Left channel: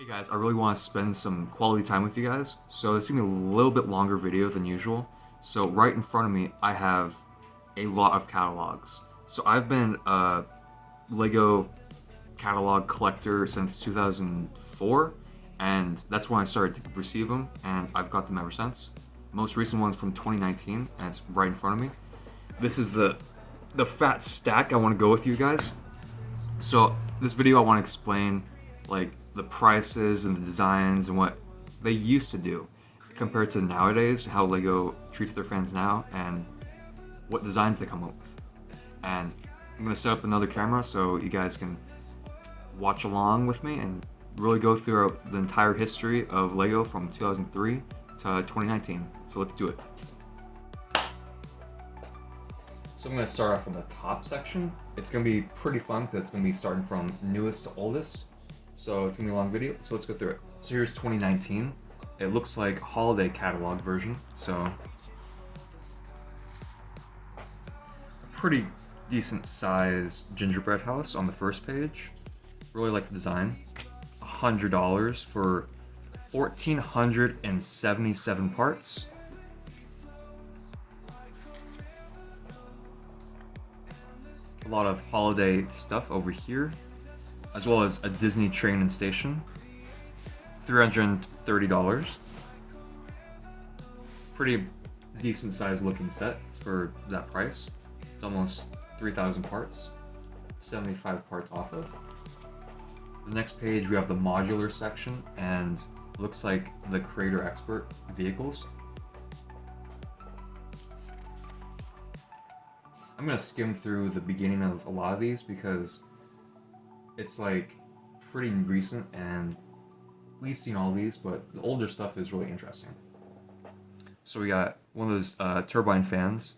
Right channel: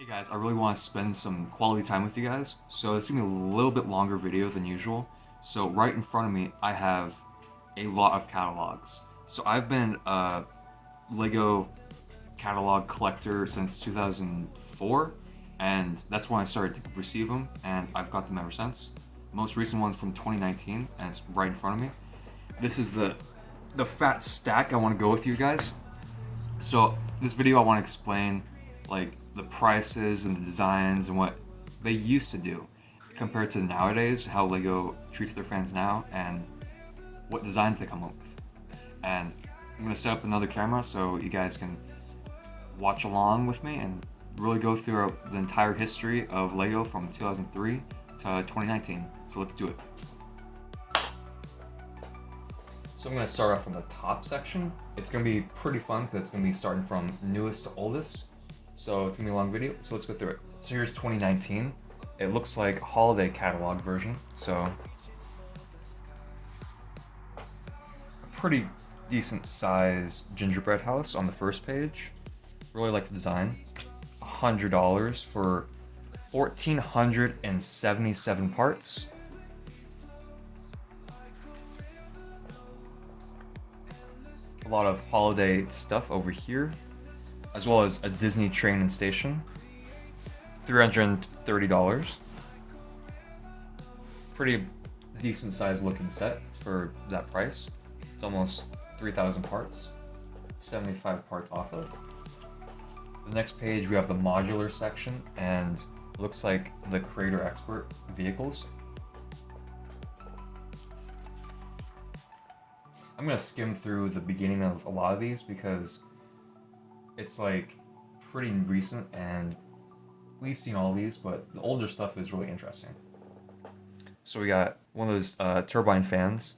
Hey guys, I really want to spend some quality time with you guys, so it's gonna be a little bit longer video than usual. So right in front of me, I have a lot of catalogs. So I've been a Lego catalog collector since 2004, and that's when I started to receive them, and I've got them ever since. Most recent one's from 2019, and it's right in front of me. This is the fat stack I want to go with you guys. So this video I want to explain like the prices and the designs and what they used to do compared to nowadays, how Lego treats their fans now and what designs they come up with. And I'm gonna set up another camera so you guys can watch along with me and really go through the entire history of Lego from 2003 to 2019. So let's do it. So I'm going to start off from the top section. It's going to be pretty fun because it's going to be starting from newest to oldest. So it's going to be a long video, so let's go through it. So here's 2019. It looks like a holiday catalog version. So a pretty decent size gingerbread house on the first page. Really like the design. $100 for 1,477 parts. A lot of holiday stuff over here, as well as a Disney train and station. $330. Pretty decent sized looking set for that price. It's almost 3,000 parts. 75 parts off of. The next page we have the modular section, and looks like the Creator Expert vehicles. I'm gonna skim through the beginning of a lot of these because it's like pretty recent and we've seen all these, but the older stuff is really interesting. So we got one of those turbine fans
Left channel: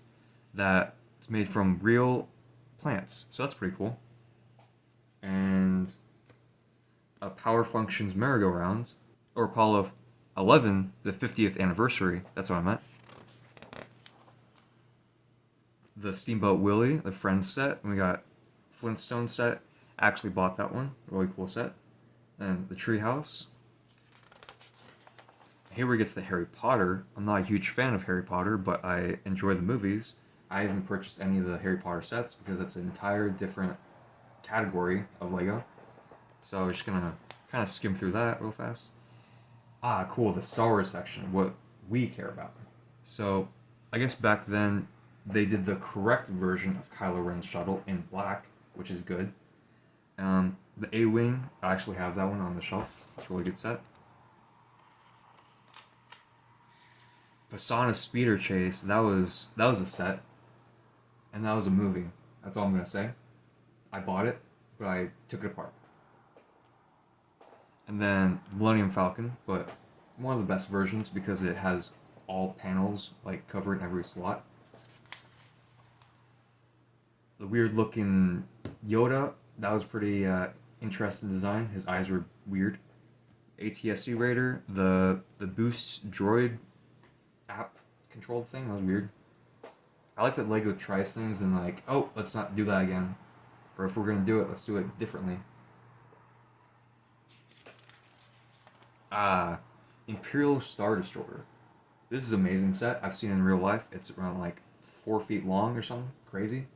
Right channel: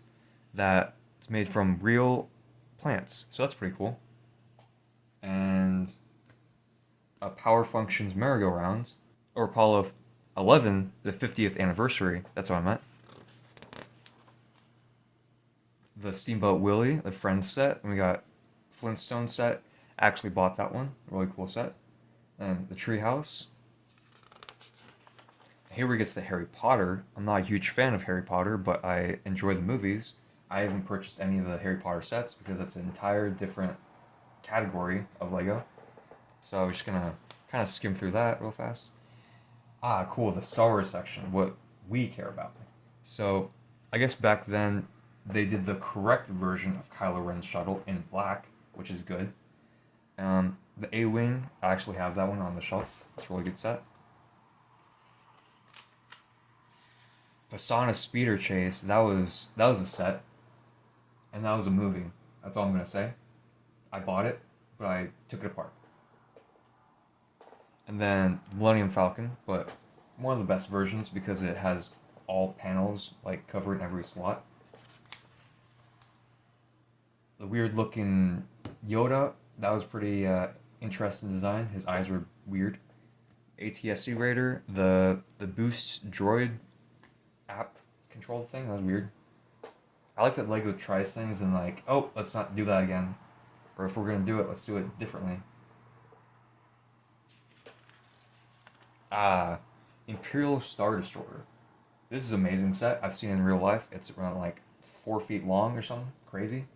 that's made from real plants, so that's pretty cool. And a Power Functions merry-go-round, or Apollo 11, the 50th anniversary, that's what I meant. The Steamboat Willie, the Friends set, and we got Flintstone set. Actually bought that one, really cool set. And the Treehouse. Here we get to the Harry Potter. I'm not a huge fan of Harry Potter, but I enjoy the movies. I haven't purchased any of the Harry Potter sets because it's an entire different category of Lego. So I was just gonna kind of skim through that real fast. Ah, cool, the Star Wars section, what we care about. So I guess back then they did the correct version of Kylo Ren's shuttle in black, which is good. The A-Wing, I actually have that one on the shelf. It's a really good set. Pasana Speeder Chase, that was a set, and that was a movie. That's all I'm gonna say. I bought it, but I took it apart. And then Millennium Falcon, but one of the best versions because it has all panels like covered in every slot. The weird looking Yoda, that was pretty interesting design. His eyes were weird. ATSC Raider, the Boost Droid app controlled thing, that was weird. I like that Lego tries things and like, oh, let's not do that again. Or if we're gonna do it, let's do it differently. Imperial Star Destroyer. This is an amazing set. I've seen it in real life. It's around like 4 feet long or something crazy,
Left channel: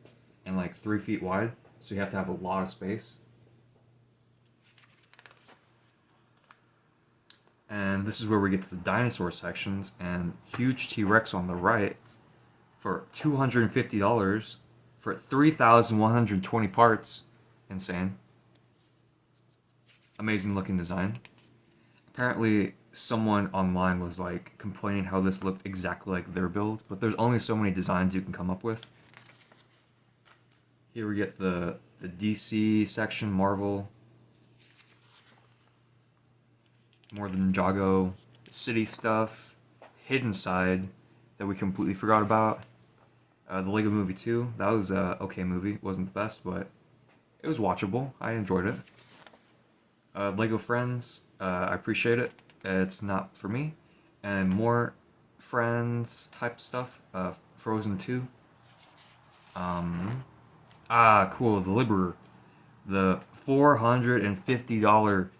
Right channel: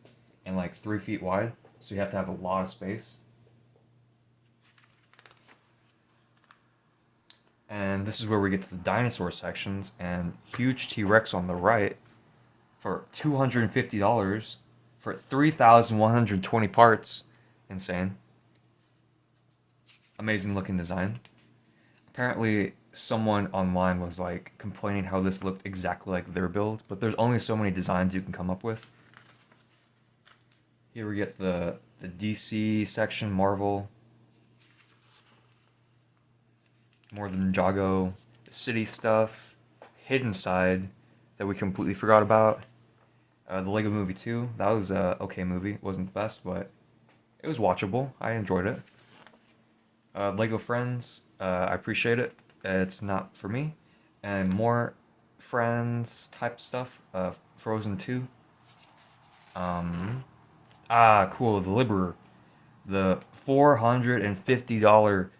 and like 3 feet wide. So you have to have a lot of space. And this is where we get to the dinosaur sections, and huge T-Rex on the right for $250 for 3,120 parts. Insane. Amazing looking design. Apparently someone online was like complaining how this looked exactly like their build, but there's only so many designs you can come up with. Here we get the DC section, Marvel, more than Ninjago, city stuff, Hidden Side that we completely forgot about. The Lego Movie 2, that was a okay movie. It wasn't the best, but it was watchable. I enjoyed it. Lego Friends, I appreciate it. It's not for me. And more Friends type stuff. Frozen 2. Cool. The Liberer. The $450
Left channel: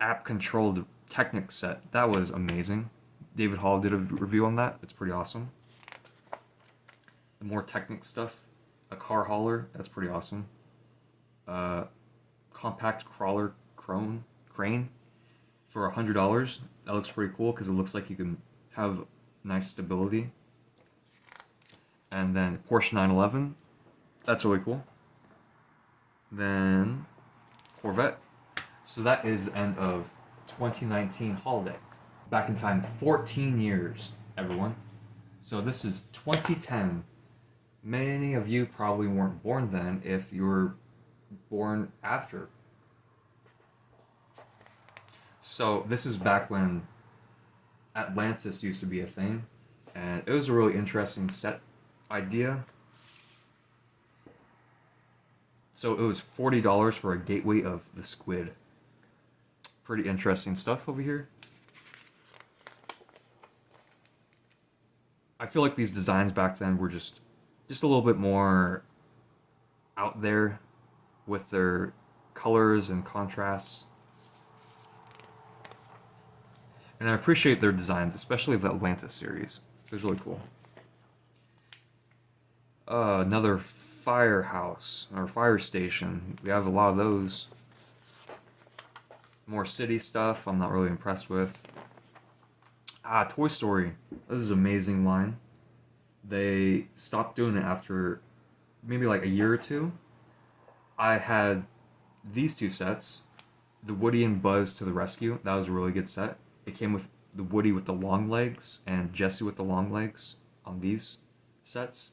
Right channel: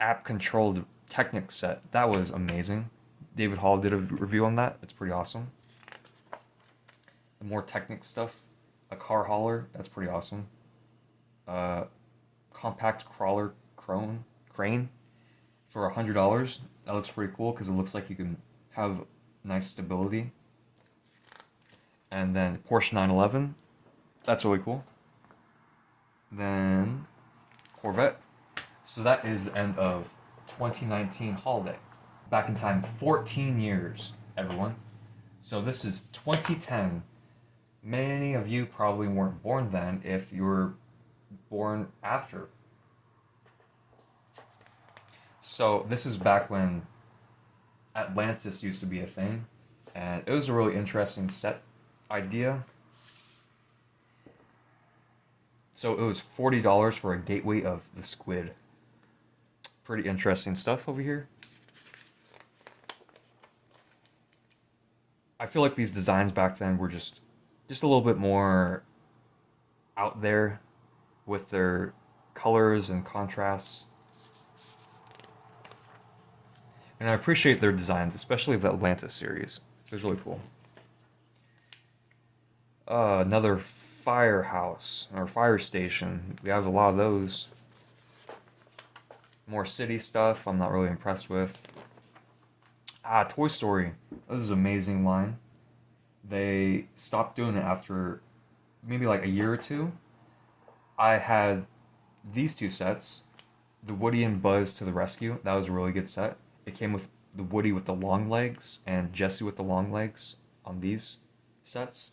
app controlled Technic set. That was amazing. David Hall did a review on that. It's pretty awesome. The more Technic stuff, a car hauler. That's pretty awesome. Compact crawler crane for $100. That looks pretty cool because it looks like you can have nice stability. And then Porsche 911. That's really cool. Then Corvette. So that is the end of 2019 holiday. Back in time 14 years, everyone. So this is 2010. Many of you probably weren't born then if you were born after. So this is back when Atlantis used to be a thing, and it was a really interesting set idea. So it was $40 for a gateway of the squid. Pretty interesting stuff over here. I feel like these designs back then were just a little bit more out there with their colors and contrasts. And I appreciate their designs, especially the Atlantis series. It was really cool. Another firehouse or fire station. We have a lot of those. More city stuff I'm not really impressed with. Toy Story. This is an amazing line. They stopped doing it after maybe like a year or two. I had these two sets. The Woody and Buzz to the Rescue. That was a really good set. It came with the Woody with the long legs and Jessie with the long legs on these sets.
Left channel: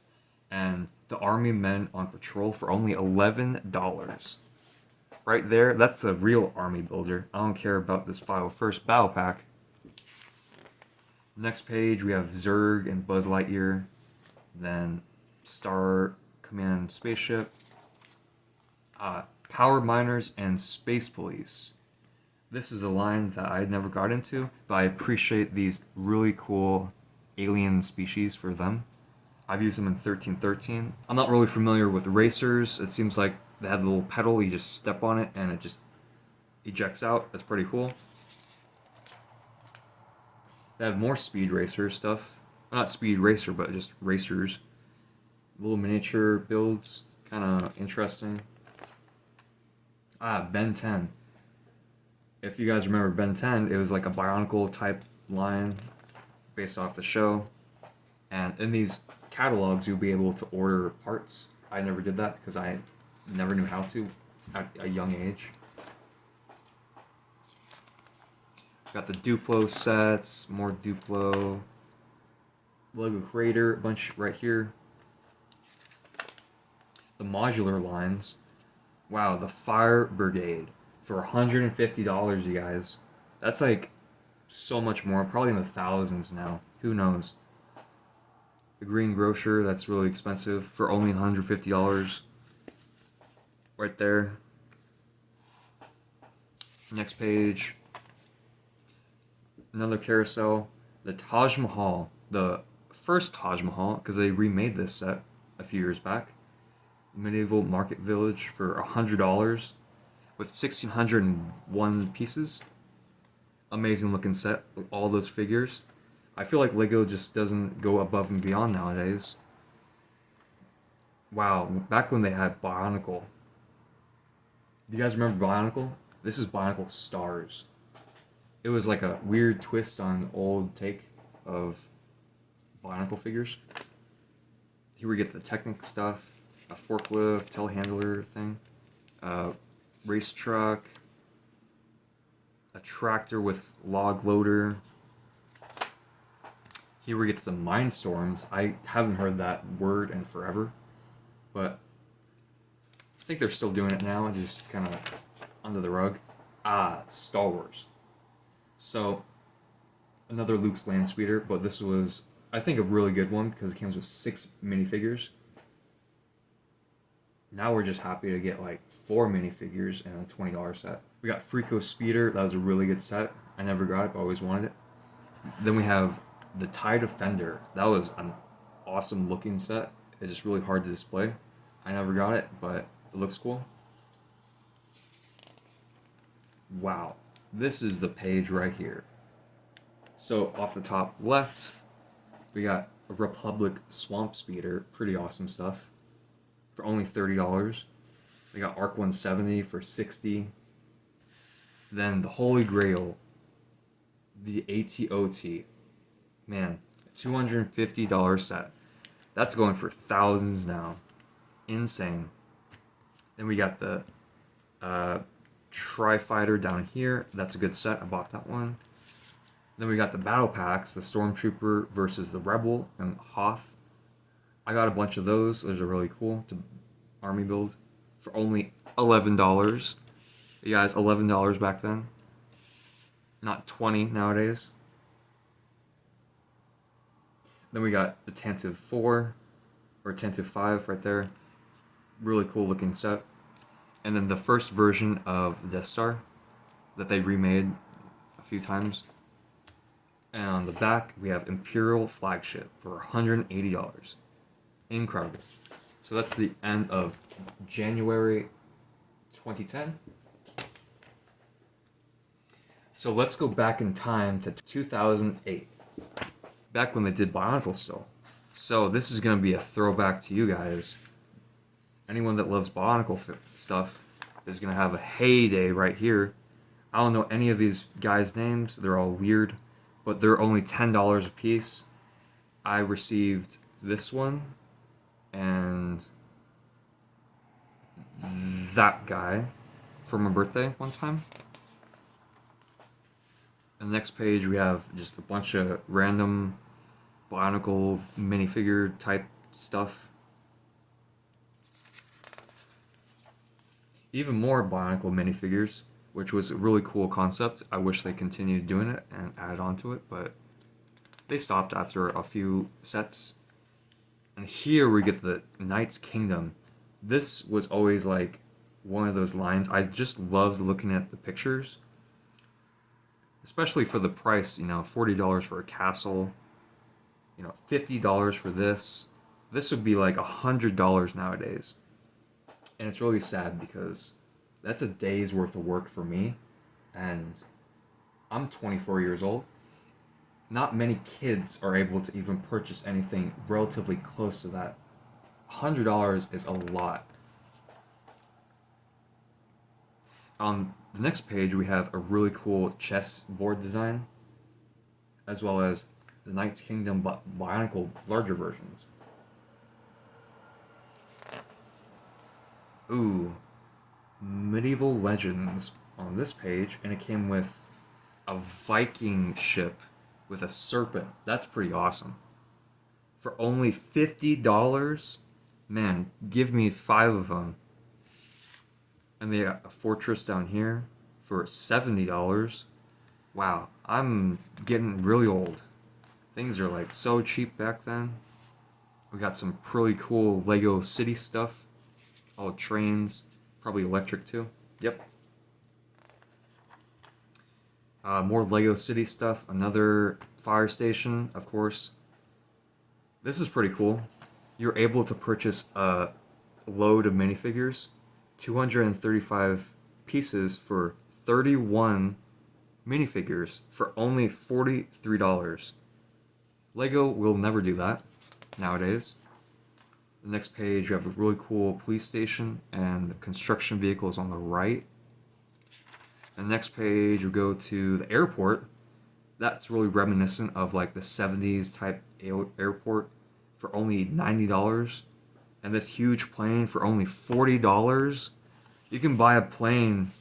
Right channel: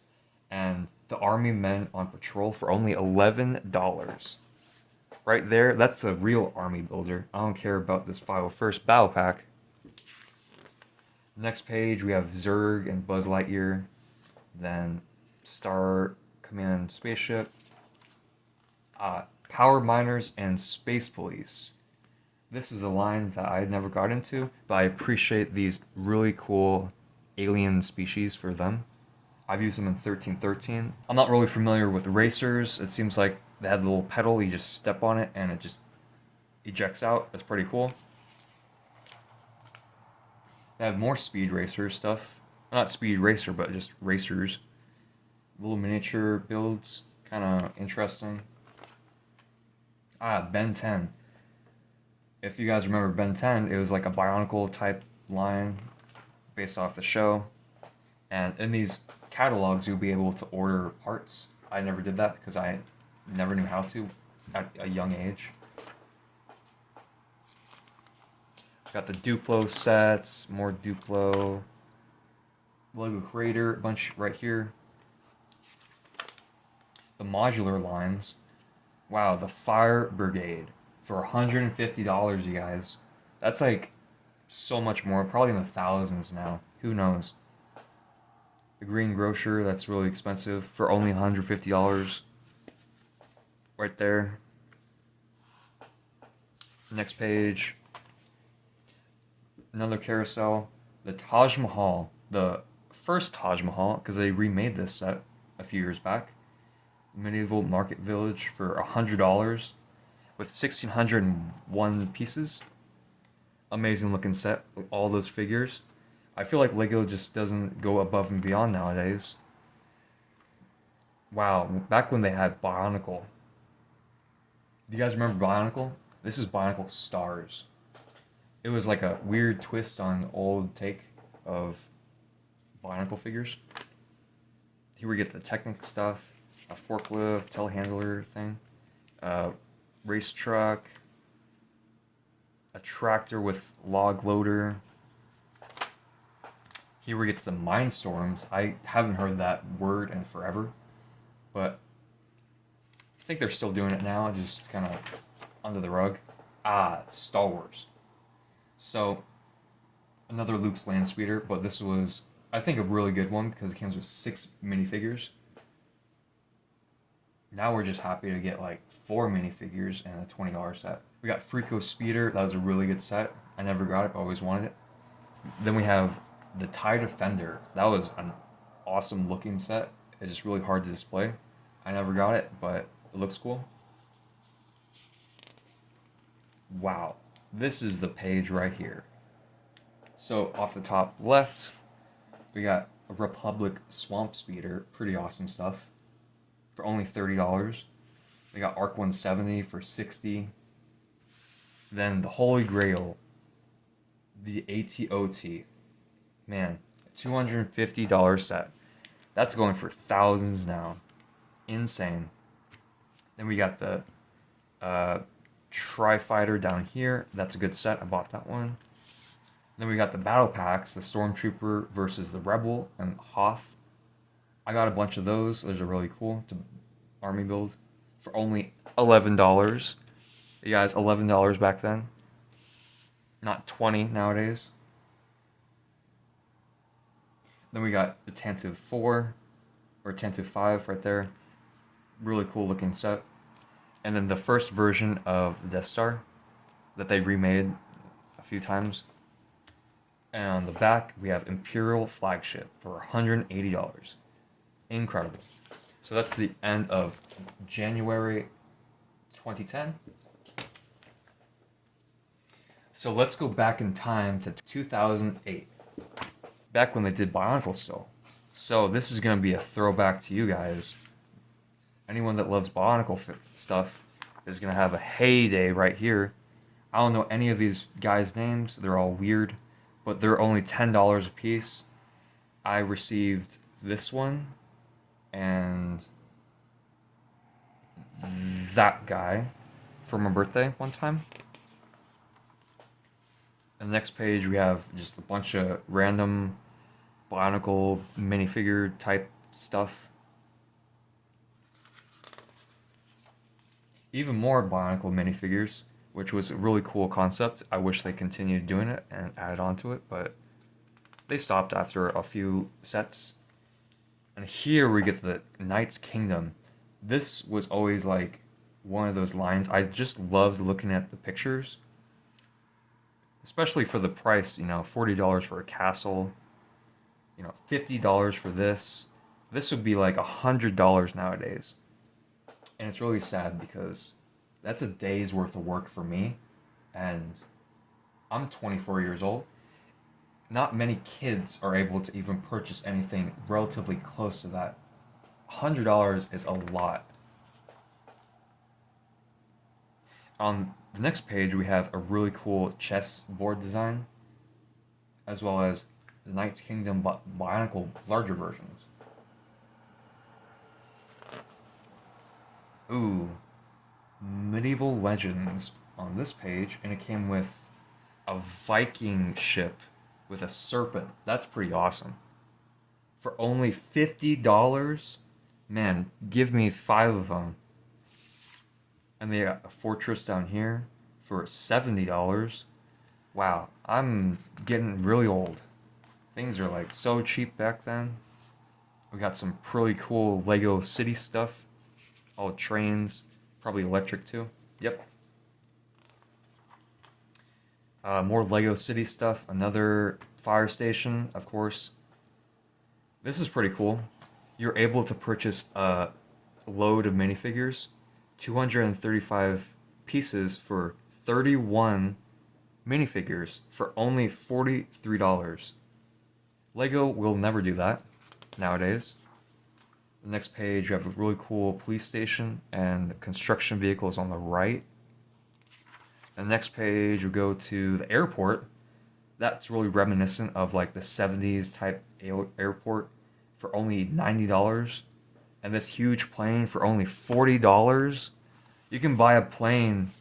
And the Army Men on Patrol for only $11. Right there, that's the real Army builder. I don't care about this 501st Battle Pack. Next page, we have Zurg and Buzz Lightyear. Then Star Command Spaceship. Power Miners and Space Police. This is a line that I never got into, but I appreciate these really cool alien species for them. I've used them in 1313. I'm not really familiar with racers. It seems like they have a little pedal, you just step on it and it just ejects out. That's pretty cool. They have more Speed Racer stuff. Not Speed Racer, but just racers. Little miniature builds, kind of interesting. Ben 10. If you guys remember Ben 10, it was like a Bionicle type line based off the show. And in these catalogs, you'll be able to order parts. I never did that because I never knew how to at a young age. Got the Duplo sets, more Duplo. Lego Creator, a bunch right here. The modular lines. Wow, the Fire Brigade for $150, you guys. That's like so much more, probably in the thousands now. Who knows? The Green Grocer, that's really expensive for only $150. Right there. Next page. Another carousel. The Taj Mahal. The first Taj Mahal, because they remade this set a few years back. Medieval Market Village for $100 with 1,601 pieces. Amazing looking set with all those figures. I feel like Lego just doesn't go above and beyond nowadays. Wow, back when they had Bionicle. Do you guys remember Bionicle? This is Bionicle Stars. It was like a weird twist on old take of Bionicle figures. Here we get the Technic stuff, a forklift, telehandler thing, race truck, a tractor with log loader. Here we get to the Mindstorms. I haven't heard that word in forever, but I think they're still doing it now, just kind of under the rug. Star Wars. So, another Luke's Land Speeder, but this was, I think, a really good one because it comes with 6 minifigures. Now we're just happy to get like 4 minifigures and a $20 set. We got Freako Speeder. That was a really good set. I never got it, but always wanted it. Then we have the TIE Defender. That was an awesome looking set. It's just really hard to display. I never got it, but it looks cool. Wow. this is the page right here. So off the top left, we got a Republic Swamp Speeder, pretty awesome stuff, for only $30. They got Arc 170 for $60. Then the Holy Grail, the ATOT, man, $250 set. That's going for thousands now. Insane. Then we got the Tri-Fighter down here. That's a good set. I bought that one. Then we got the battle packs, the Stormtrooper versus the Rebel and Hoth. I got a bunch of those. Those are really cool to army build for only $11. You guys, $11 back then. Not 20 nowadays. Then we got the Tantive 4 or Tantive 5 right there. Really cool looking set. And then the first version of the Death Star that they remade a few times. And on the back, we have Imperial Flagship for $180. Incredible. So that's the end of January 2010. So let's go back in time to 2008. Back when they did Bionicle still. So this is going to be a throwback to you guys. Anyone that loves Bionicle stuff is going to have a heyday right here. I don't know any of these guys' names. They're all weird. But they're only $10 a piece. I received this one and that guy for my birthday one time. And the next page we have just a bunch of random Bionicle minifigure type stuff. Even more Bionicle minifigures, which was a really cool concept. I wish they continued doing it and added on to it, but they stopped after a few sets. And here we get to the Knight's Kingdom. This was always like one of those lines. I just loved looking at the pictures, especially for the price, you know, $40 for a castle, you know, $50 for this. This would be like $100 nowadays. And it's really sad because that's a day's worth of work for me, and I'm 24 years old. Not many kids are able to even purchase anything relatively close to that. $100 is a lot. On the next page, we have a really cool chess board design, as well as the Knight's Kingdom Bionicle larger versions. Ooh, Medieval Legends on this page, and it came with a Viking ship with a serpent. That's pretty awesome. For only $50, man, give me 5 of them. And they got a fortress down here for $70. Wow, I'm getting really old. Things are like so cheap back then. We got some pretty cool Lego City stuff. All trains, probably electric too. Yep. More Lego City stuff. Another fire station, of course. This is pretty cool. You're able to purchase a load of minifigures, 235 pieces for 31 minifigures for only $43. Lego will never do that nowadays. The next page, you have a really cool police station and construction vehicles on the right. The next page, you go to the airport. That's really reminiscent of like the 70s type airport for only $90. And this huge plane for only $40. You can buy a plane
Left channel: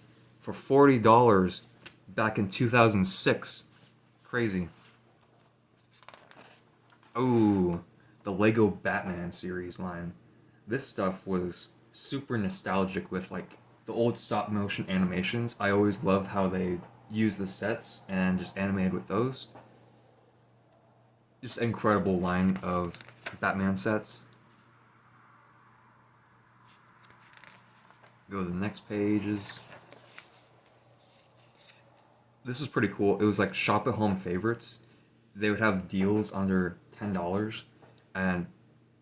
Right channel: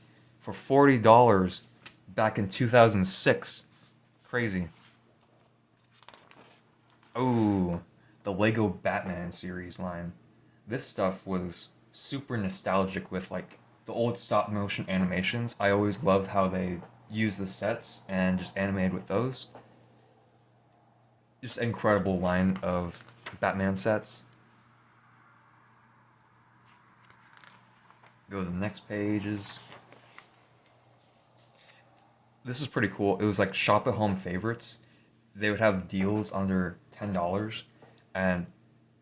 for $40 back in 2006. Crazy. Oh, the Lego Batman series line. This stuff was super nostalgic with like the old stop motion animations. I always loved how they used the sets and just animated with those. Just incredible line of Batman sets. Go to the next pages. This is pretty cool. It was like shop at home favorites. They would have deals under $10 and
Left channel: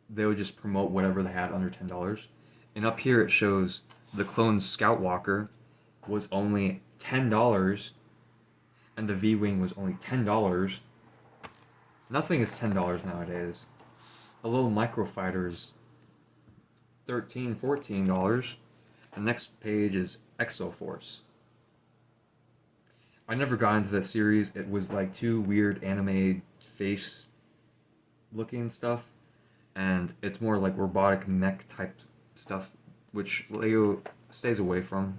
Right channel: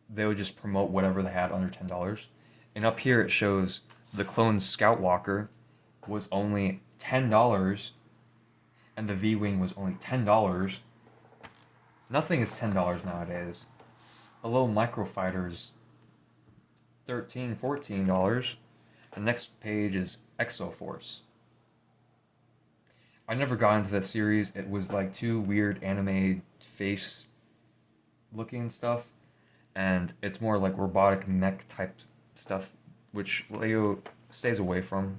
they would just promote whatever they had under $10. And up here it shows the clone Scout Walker was only $10 and the V-Wing was only $10. Nothing is $10 nowadays. Hello Microfighter is $13, $14. The next page is Exoforce. I never got into this series. It was like too weird anime face looking stuff, and it's more like robotic mech type stuff, which Lego stays away from.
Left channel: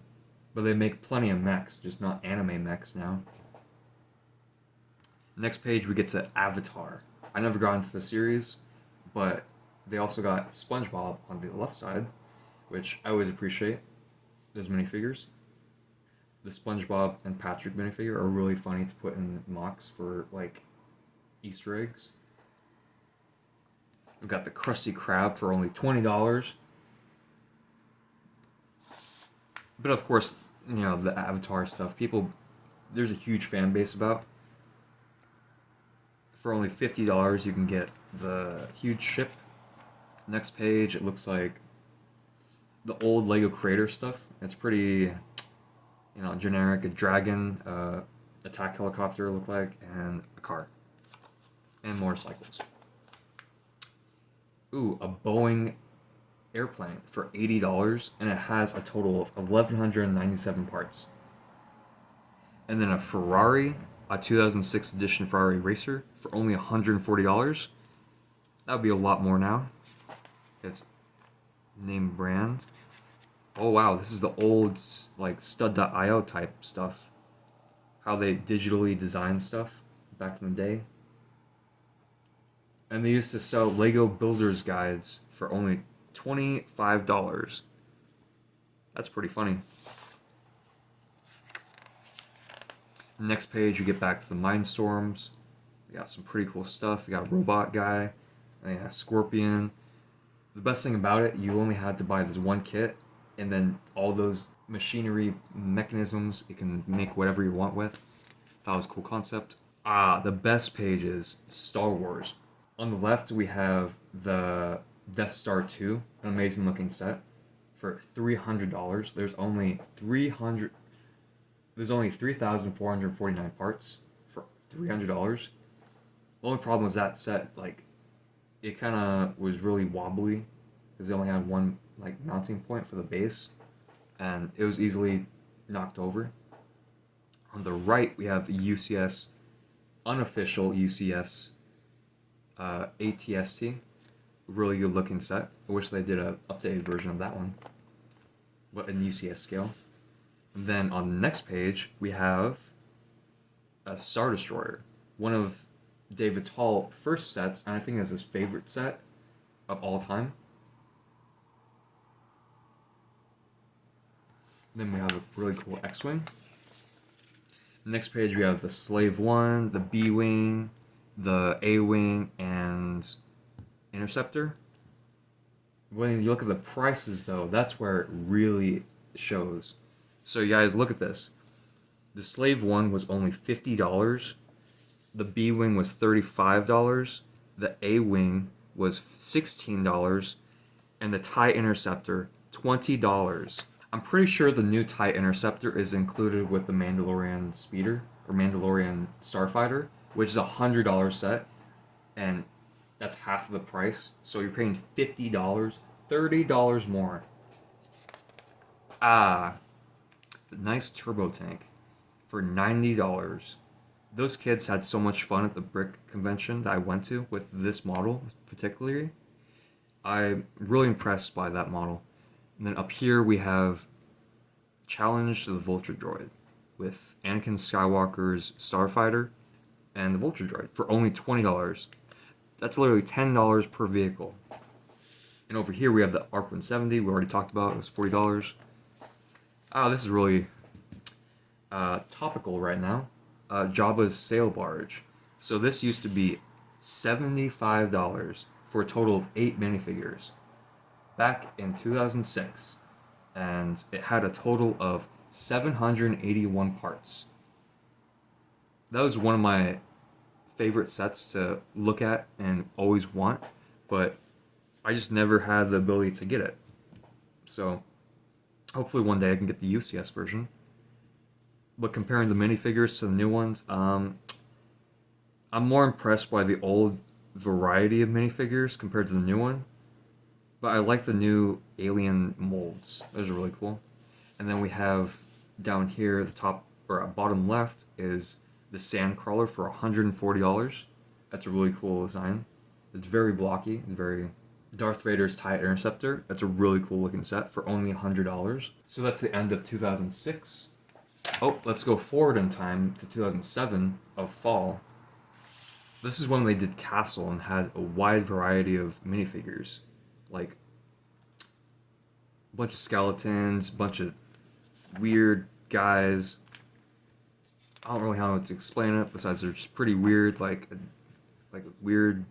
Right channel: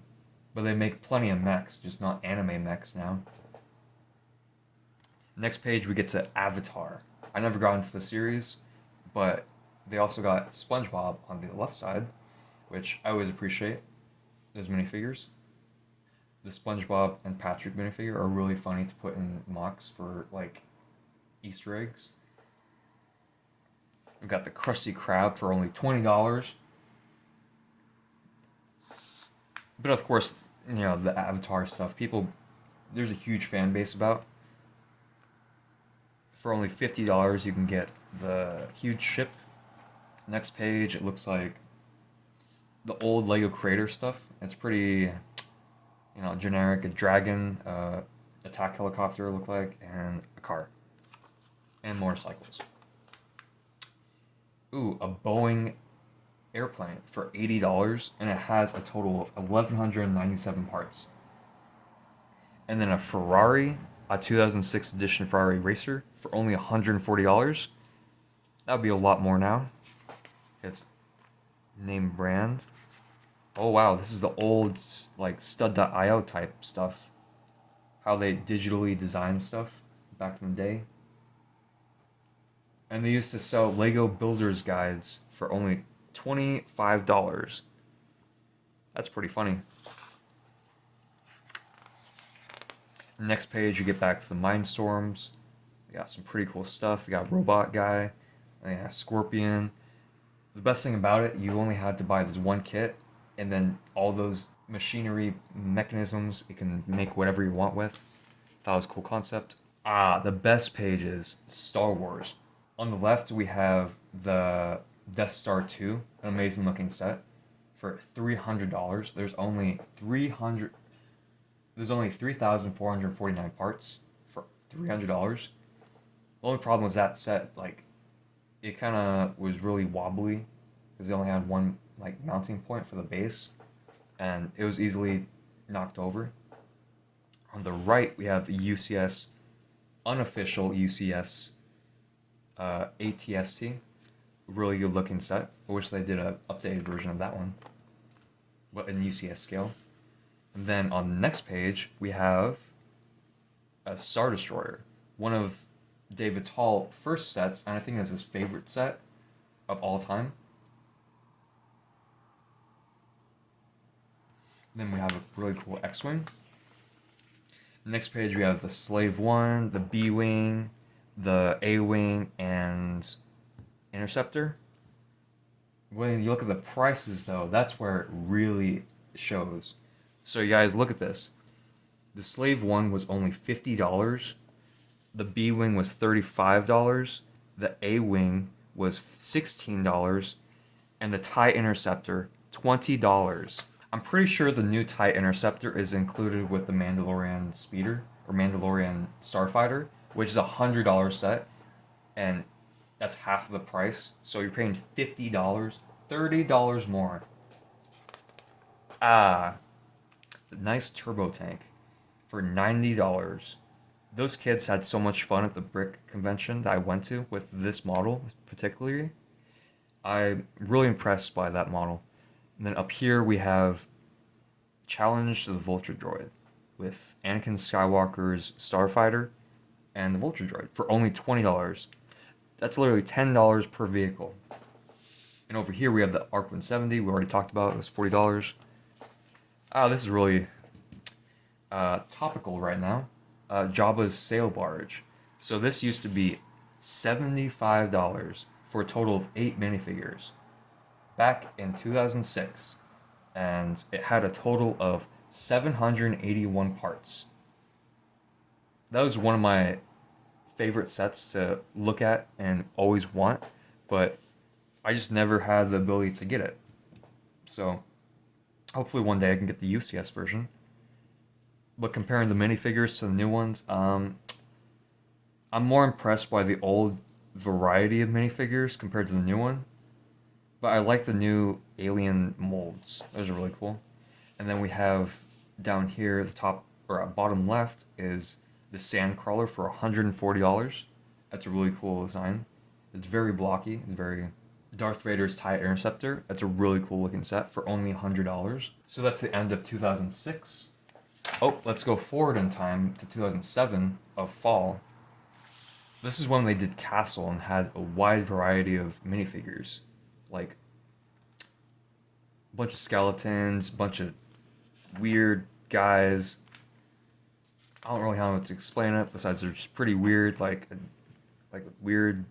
But they make plenty of mechs, just not anime mechs now. Next page we get to Avatar. I never got into the series, but they also got SpongeBob on the left side, which I always appreciate. Those minifigures. The SpongeBob and Patrick minifigure are really funny to put in mocks for like Easter eggs. We got the Krusty Krab for only $20. But of course, you know, the Avatar stuff, there's a huge fan base about. For only $50, you can get the huge ship. Next page, it looks like the old Lego Creator stuff. It's pretty, you know, generic. A dragon, attack helicopter look like, and a car, and motorcycles. Ooh, a Boeing airplane for $80, and it has a total of 1,197 parts. And then a Ferrari, a 2006 edition Ferrari Racer for only $140. That would be a lot more now. It's name brand. Oh wow, this is the old like stud.io type stuff. How they digitally design stuff back in the day. And they used to sell Lego Builders Guides for only $25. That's pretty funny. Next page, you get back to the Mindstorms. We got some pretty cool stuff. You got Robot Guy, and you got Scorpion. The best thing about it, you only had to buy this one kit, and then all those machinery mechanisms you can make whatever you want with. That was a cool concept. The best page is Star Wars. On the left, we have the Death Star 2, an amazing looking set, for $300. There's only 3,449 parts for $300. The only problem was that set, like, it kind of was really wobbly because they only had one like mounting point for the base, and it was easily knocked over. On the right, we have the UCS, unofficial UCS ATST. Really good looking set. I wish they did an updated version of that one, but in UCS scale. And then on the next page, we have a Star Destroyer, one of David Tall first sets, and I think it's his favorite set of all time. Then we have a really cool X-Wing. Next page we have the Slave 1, the B-Wing, the A-Wing, and Interceptor. When you look at the prices though, that's where it really shows. So you guys, look at this. The Slave 1 was only $50. The B-Wing was $35. The A-Wing was $16. And the TIE Interceptor, $20. I'm pretty sure the new TIE Interceptor is included with the Mandalorian Speeder, or Mandalorian Starfighter, which is a $100 set, and that's half of the price. So you're paying $50, $30 more. Nice turbo tank for $90. Those kids had so much fun at the brick convention that I went to with this model particularly. I'm really impressed by that model. And then up here we have Challenge to the Vulture Droid with Anakin Skywalker's Starfighter and the Vulture Droid for only $20. That's literally $10 per vehicle. And over here we have the ARC 170 we already talked about. It was $40. This is really topical right now. Jabba's Sail Barge. So this used to be $75 for a total of 8 minifigures back in 2006, and it had a total of 781 parts. That was one of my favorite sets to look at and always want, but I just never had the ability to get it. So hopefully one day I can get the UCS version. But comparing the minifigures to the new ones, I'm more impressed by the old variety of minifigures compared to the new one. But I like the new alien molds. Those are really cool. And then we have down here, the top or bottom left is the Sandcrawler for $140. That's a really cool design. It's very blocky. It's very Darth Vader's TIE Interceptor. That's a really cool looking set for only $100. So that's the end of 2006. Oh, let's go forward in time to 2007 of fall. This is when they did Castle and had a wide variety of minifigures, like a bunch of skeletons, a bunch of weird guys. I don't really know how to explain it besides they're just pretty weird, like a weird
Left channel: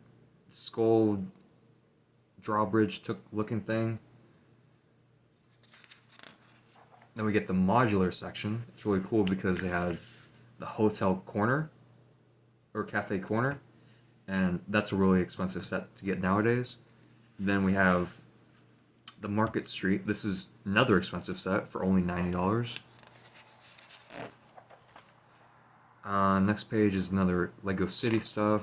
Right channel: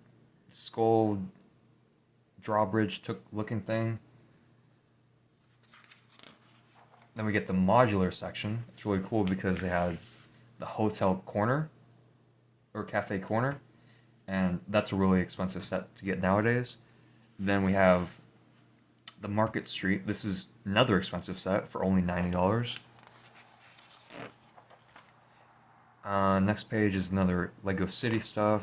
skull drawbridge took looking thing. Then we get the modular section. It's really cool because they have the hotel corner or cafe corner, and that's a really expensive set to get nowadays. Then we have the Market Street. This is another expensive set for only $90. Next page is another Lego City stuff.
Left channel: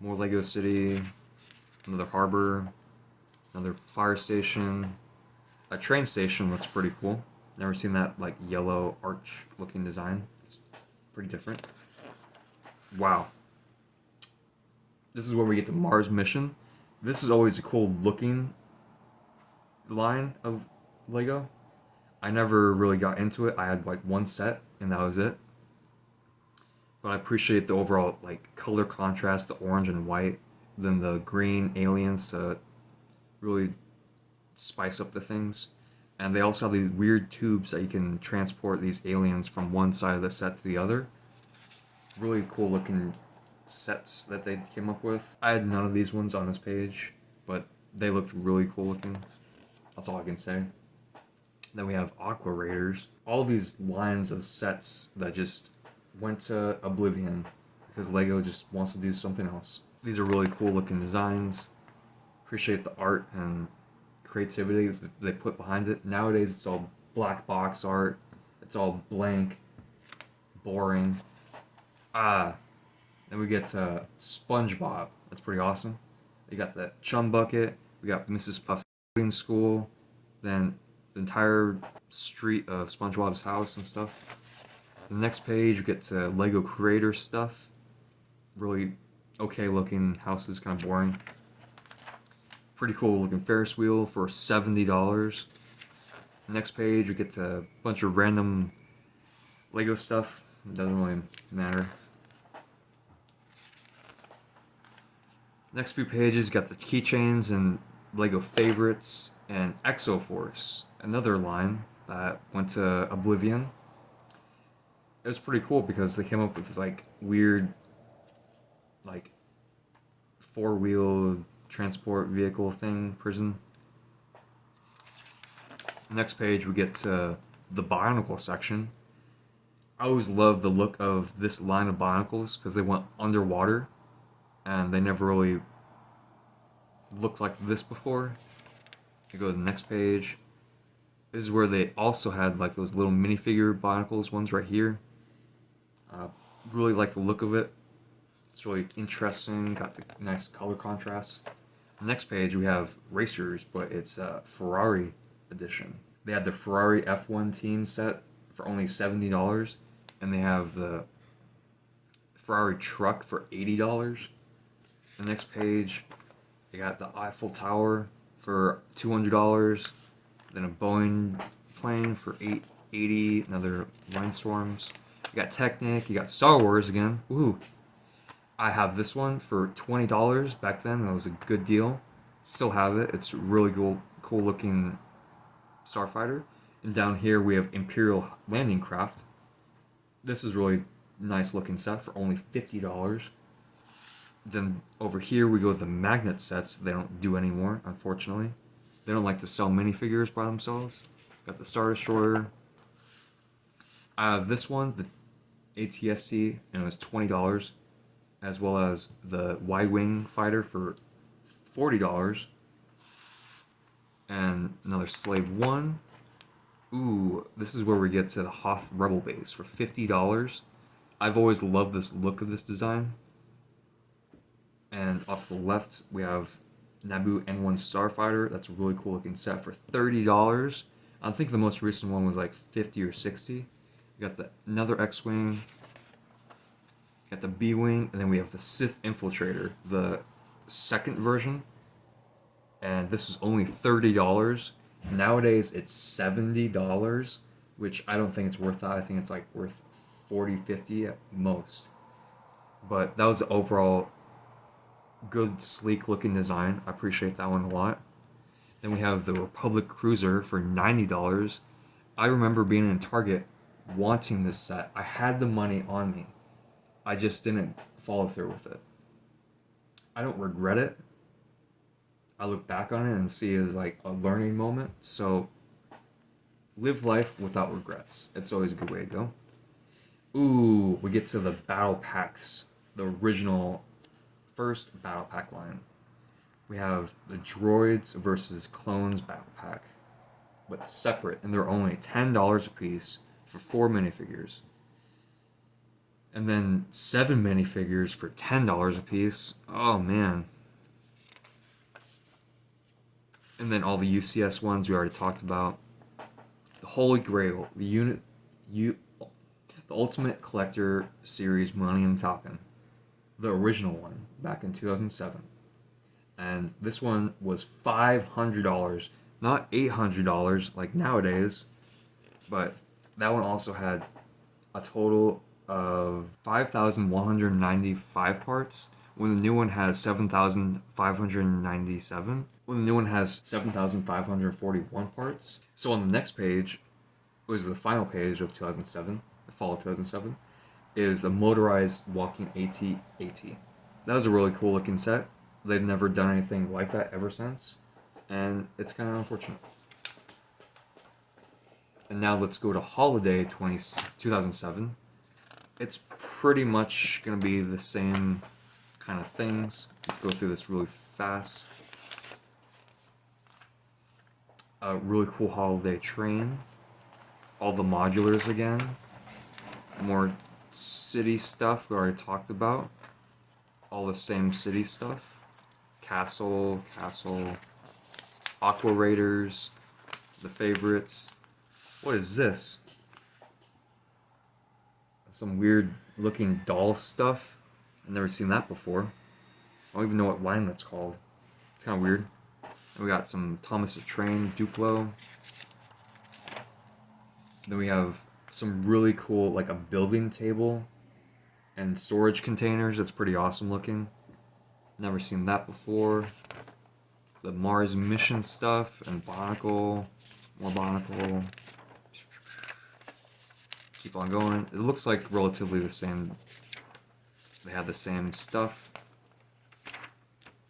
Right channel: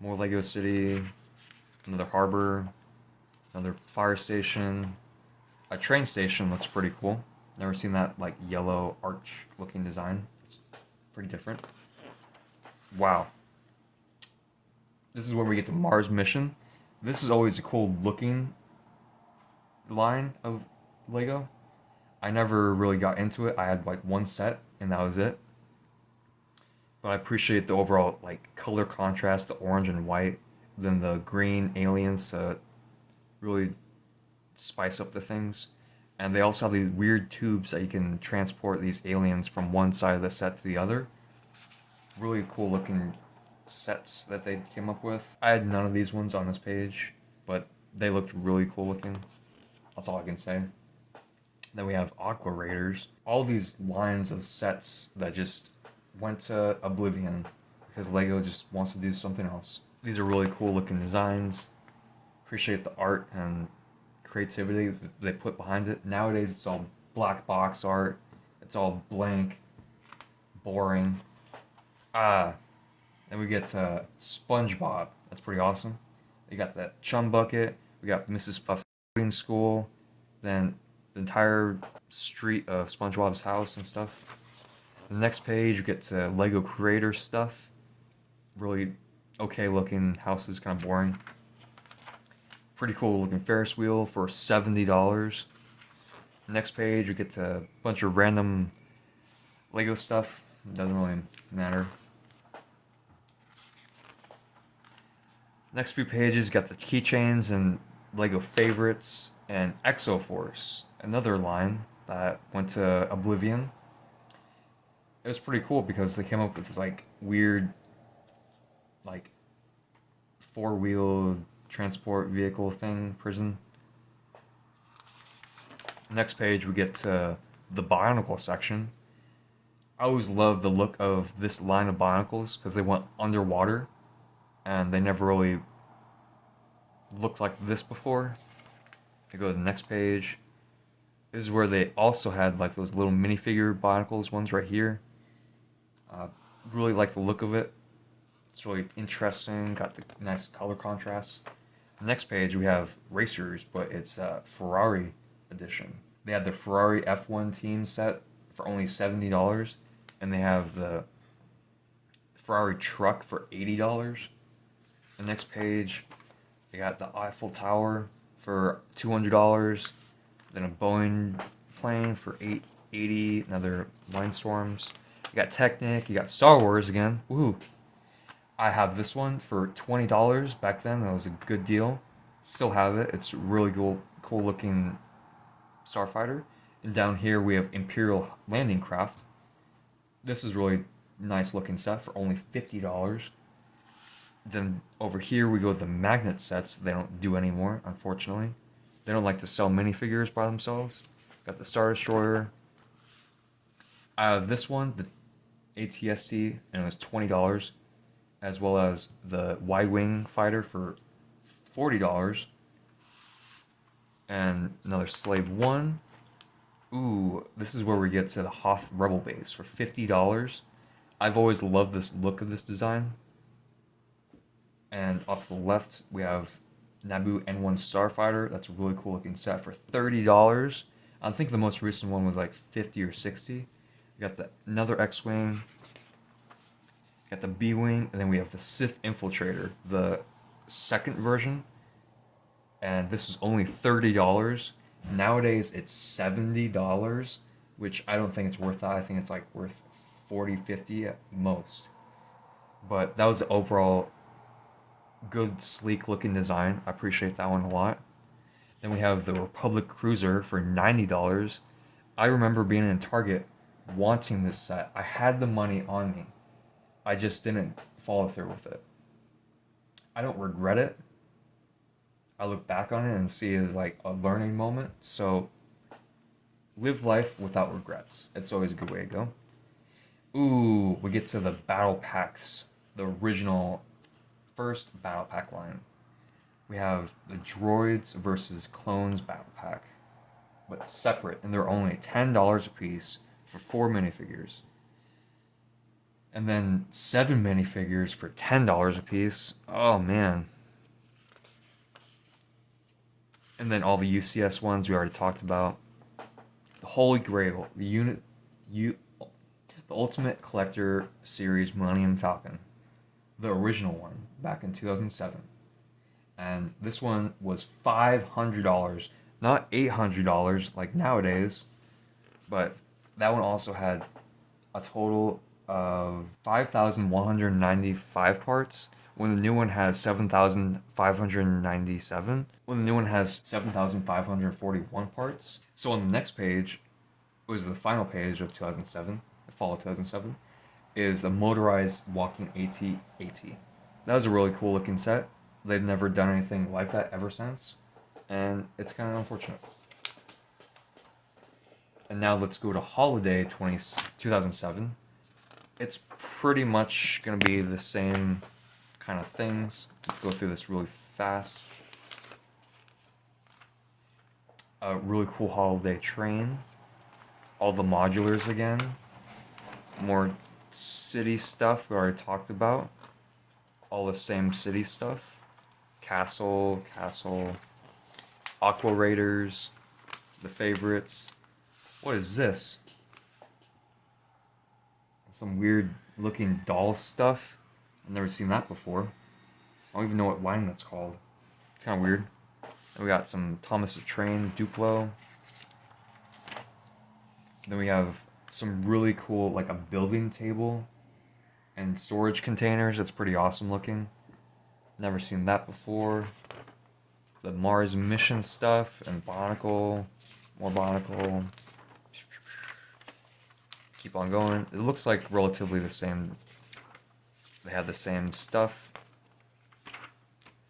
More Lego City. Another harbor. Another fire station. A train station looks pretty cool. Never seen that like yellow arch looking design. It's pretty different. Wow. This is where we get to Mars Mission. This is always a cool looking line of Lego. I never really got into it. I had like one set and that was it. But I appreciate the overall like color contrast, the orange and white, then the green aliens to really spice up the things. And they also have these weird tubes that you can transport these aliens from one side of the set to the other. Really cool looking sets that they came up with. I had none of these ones on this page, but they looked really cool looking. That's all I can say. Then we have Aqua Raiders. All these lines of sets that just went to oblivion because Lego just wants to do something else. These are really cool looking designs. Appreciate the art and creativity that they put behind it. Nowadays it's all black box art. It's all blank, boring. Then we get SpongeBob. That's pretty awesome. You got that Chum Bucket. We got Mrs. Puff's coding school. Then the entire street of SpongeBob's house and stuff. The next page, you get to Lego Creator stuff. Really okay looking houses, kind of boring. Pretty cool looking Ferris wheel for $70. Next page, you get to a bunch of random Lego stuff. It doesn't really matter. Next few pages, you got the keychains and Lego favorites and Exoforce, another line that went to oblivion. It was pretty cool because they came up with this like weird, like four-wheel transport vehicle thing, prison. Next page, we get to the Bionicle section. I always loved the look of this line of Bionicles because they went underwater and they never really looked like this before. You go to the next page. This is where they also had like those little minifigure Bionicles ones right here. Really like the look of it. It's really interesting. Got the nice color contrast. Next page we have racers, but it's Ferrari edition. They had the Ferrari F1 team set for only $70, and they have the Ferrari truck for $80. The next page, they got the Eiffel Tower for $200, then a Boeing plane for $880, another Windstorms. You got Technic, you got Star Wars again. Woohoo! I have this one for $20 back then. That was a good deal. Still have it. It's really cool looking starfighter. And down here we have Imperial Landing Craft. This is really nice looking set for only $50. Then over here we go to the magnet sets. They don't do anymore, unfortunately. They don't like to sell minifigures by themselves. Got the Star Destroyer. I have this one, the ATSC, and it was $20, as well as the Y-Wing fighter for $40, and another Slave 1, Ooh, this is where we get to the Hoth Rebel base for $50. I've always loved this look of this design. And off the left, we have Naboo N1 Starfighter. That's a really cool looking set for $30. I think the most recent one was like 50 or 60. We got another X-Wing, got the B-Wing, and then we have the Sith Infiltrator, the second version. And this was only $30. Nowadays, it's $70, which I don't think it's worth that. I think it's like worth 40, 50 at most. But that was the overall good, sleek looking design. I appreciate that one a lot. Then we have the Republic Cruiser for $90. I remember being in Target wanting this set. I had the money on me. I just didn't follow through with it. I don't regret it. I look back on it and see it as like a learning moment. So live life without regrets. It's always a good way to go. Ooh, we get to the battle packs, the original first battle pack line. We have the droids versus clones battle pack, but separate, and they're only $10 a piece for 4 minifigures. And then 7 minifigures for $10 a piece. Oh man. And then all the UCS ones we already talked about. The Holy Grail, the Ultimate Collector Series Millennium Falcon, the original one back in 2007. And this one was $500, not $800 like nowadays, but that one also had a total of 5,195 parts, when the new one has 7,597, when the new one has 7,541 parts. So on the next page, was the final page of 2007, the fall of 2007, is the motorized walking AT-AT. That was a really cool looking set. They've never done anything like that ever since, and it's kind of unfortunate. And now let's go to Holiday 2007. It's pretty much going to be the same kind of things. Let's go through this really fast. A really cool holiday train. All the modulars again. More city stuff we already talked about. All the same city stuff. Castle, Aqua Raiders, the favorites. What is this? Some weird looking doll stuff. I've never seen that before. I don't even know what line that's called. It's kind of weird. And we got some Thomas the Train, Duplo. Then we have some really cool, like a building table and storage containers. That's pretty awesome looking. Never seen that before. The Mars mission stuff and Bionicle. More Bionicle. Keep on going. It looks like relatively the same. They have the same stuff.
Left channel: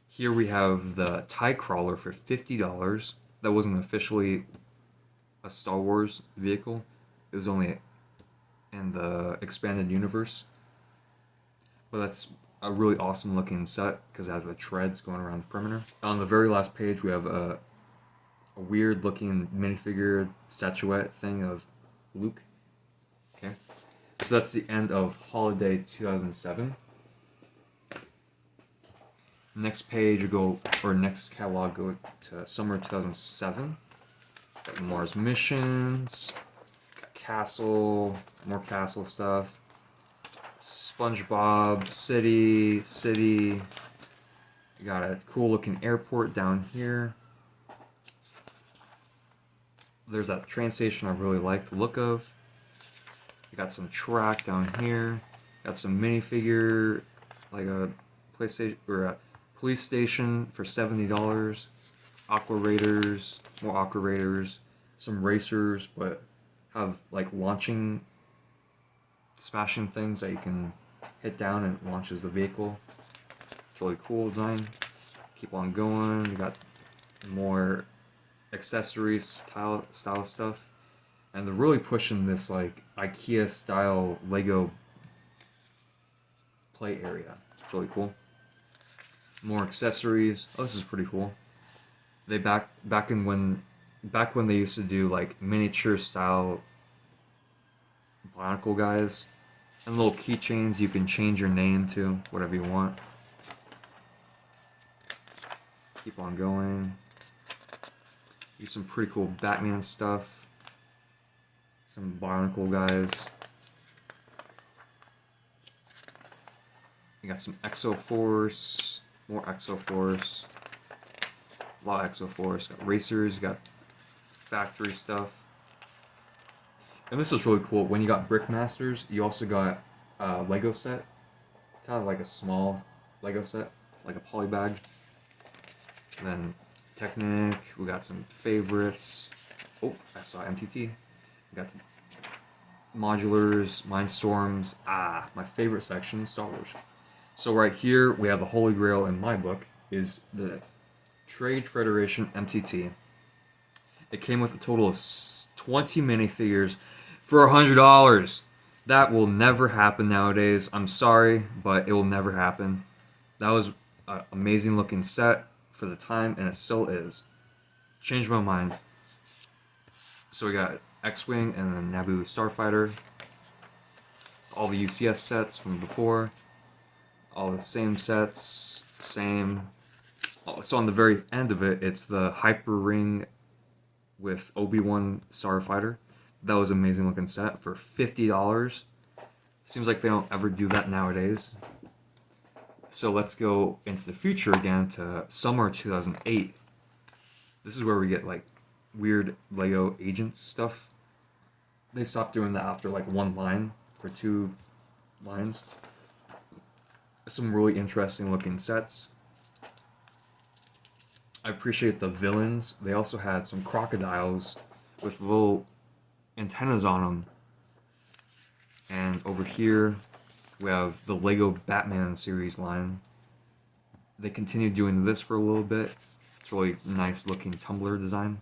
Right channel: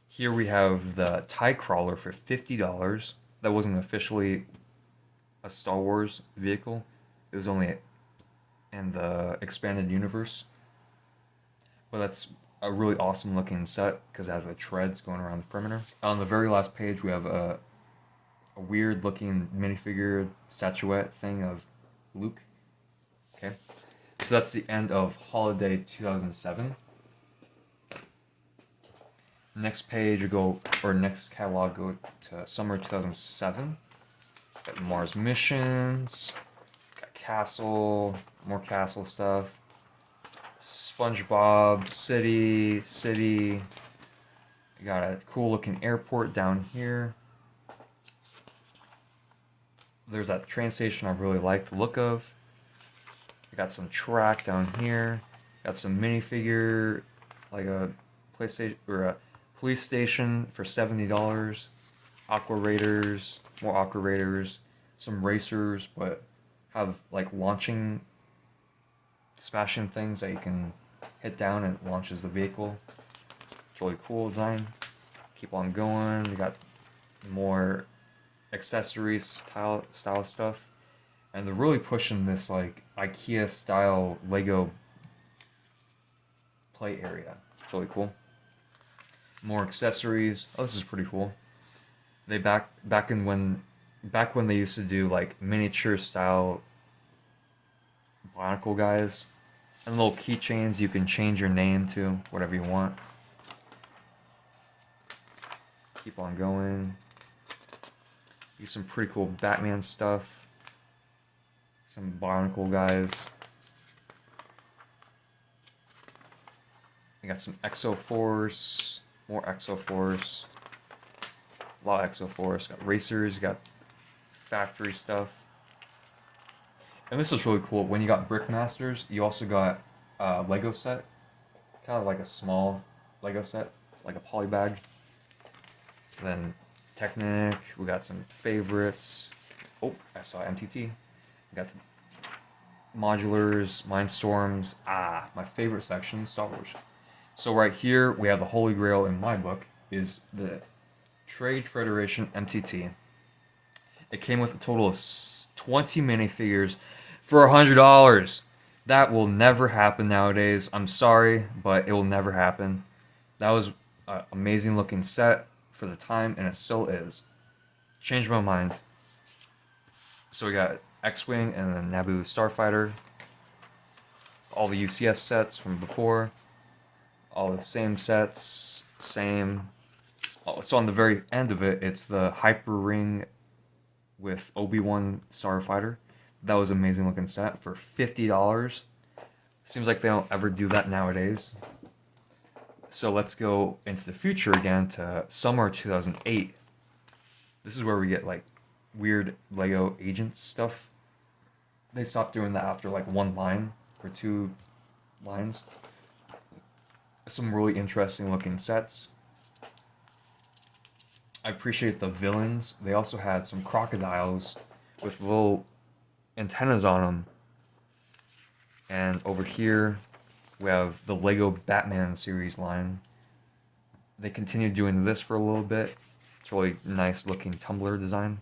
Here we have the TIE Crawler for $50. That wasn't officially a Star Wars vehicle. It was only in the expanded universe. But that's a really awesome looking set because it has the treads going around the perimeter. On the very last page, we have a weird looking minifigure statuette thing of Luke. Okay, so that's the end of Holiday 2007. Next page we go, or next catalog go to Summer 2007. Got Mars missions, got Castle, more Castle stuff. SpongeBob, City. We got a cool looking airport down here. There's that train station I really like the look of. We got some track down here. Got some minifigure, like a PlayStation or a police station for $70. Aqua Raiders, more Aqua Raiders. Some racers, but have like launching, smashing things that you can hit down and it launches the vehicle. It's really cool design. Keep on going. We got more accessories, style stuff. And they're really pushing this like IKEA style Lego play area. It's really cool. More accessories. Oh, this is pretty cool. They back in when back when they used to do like miniature style Bionicle guys, and little keychains you can change your name to whatever you want. Keep on going. Get some pretty cool Batman stuff. Some Bionicle guys. You got some Exo Force, more Exo Force, a lot of Exo Force. Got racers, you got factory stuff. And this is really cool. When you got Brickmasters, you also got a Lego set, kind of like a small Lego set, like a poly bag. And then Technic, we got some favorites. Oh, I saw MTT. We got some modulars, Mindstorms. Ah, my favorite section, Star Wars. So right here, we have the Holy Grail in my book, is the Trade Federation MTT. It came with a total of 20 minifigures for $100. That will never happen nowadays. I'm sorry, but it will never happen. That was an amazing looking set for the time, and it still is. Changed my mind. So we got X-Wing and then Naboo Starfighter. All the UCS sets from before. All the same sets, same. So on the very end of it, it's the Hyper Ring with Obi-Wan Starfighter. That was an amazing looking set for $50. Seems like they don't ever do that nowadays. So let's go into the future again to summer 2008. This is where we get like weird Lego Agents stuff. They stopped doing that after like one line or two lines. Some really interesting looking sets. I appreciate the villains. They also had some crocodiles with little antennas on them. And over here, we have the Lego Batman series line. They continued doing this for a little bit. It's really nice looking tumbler design.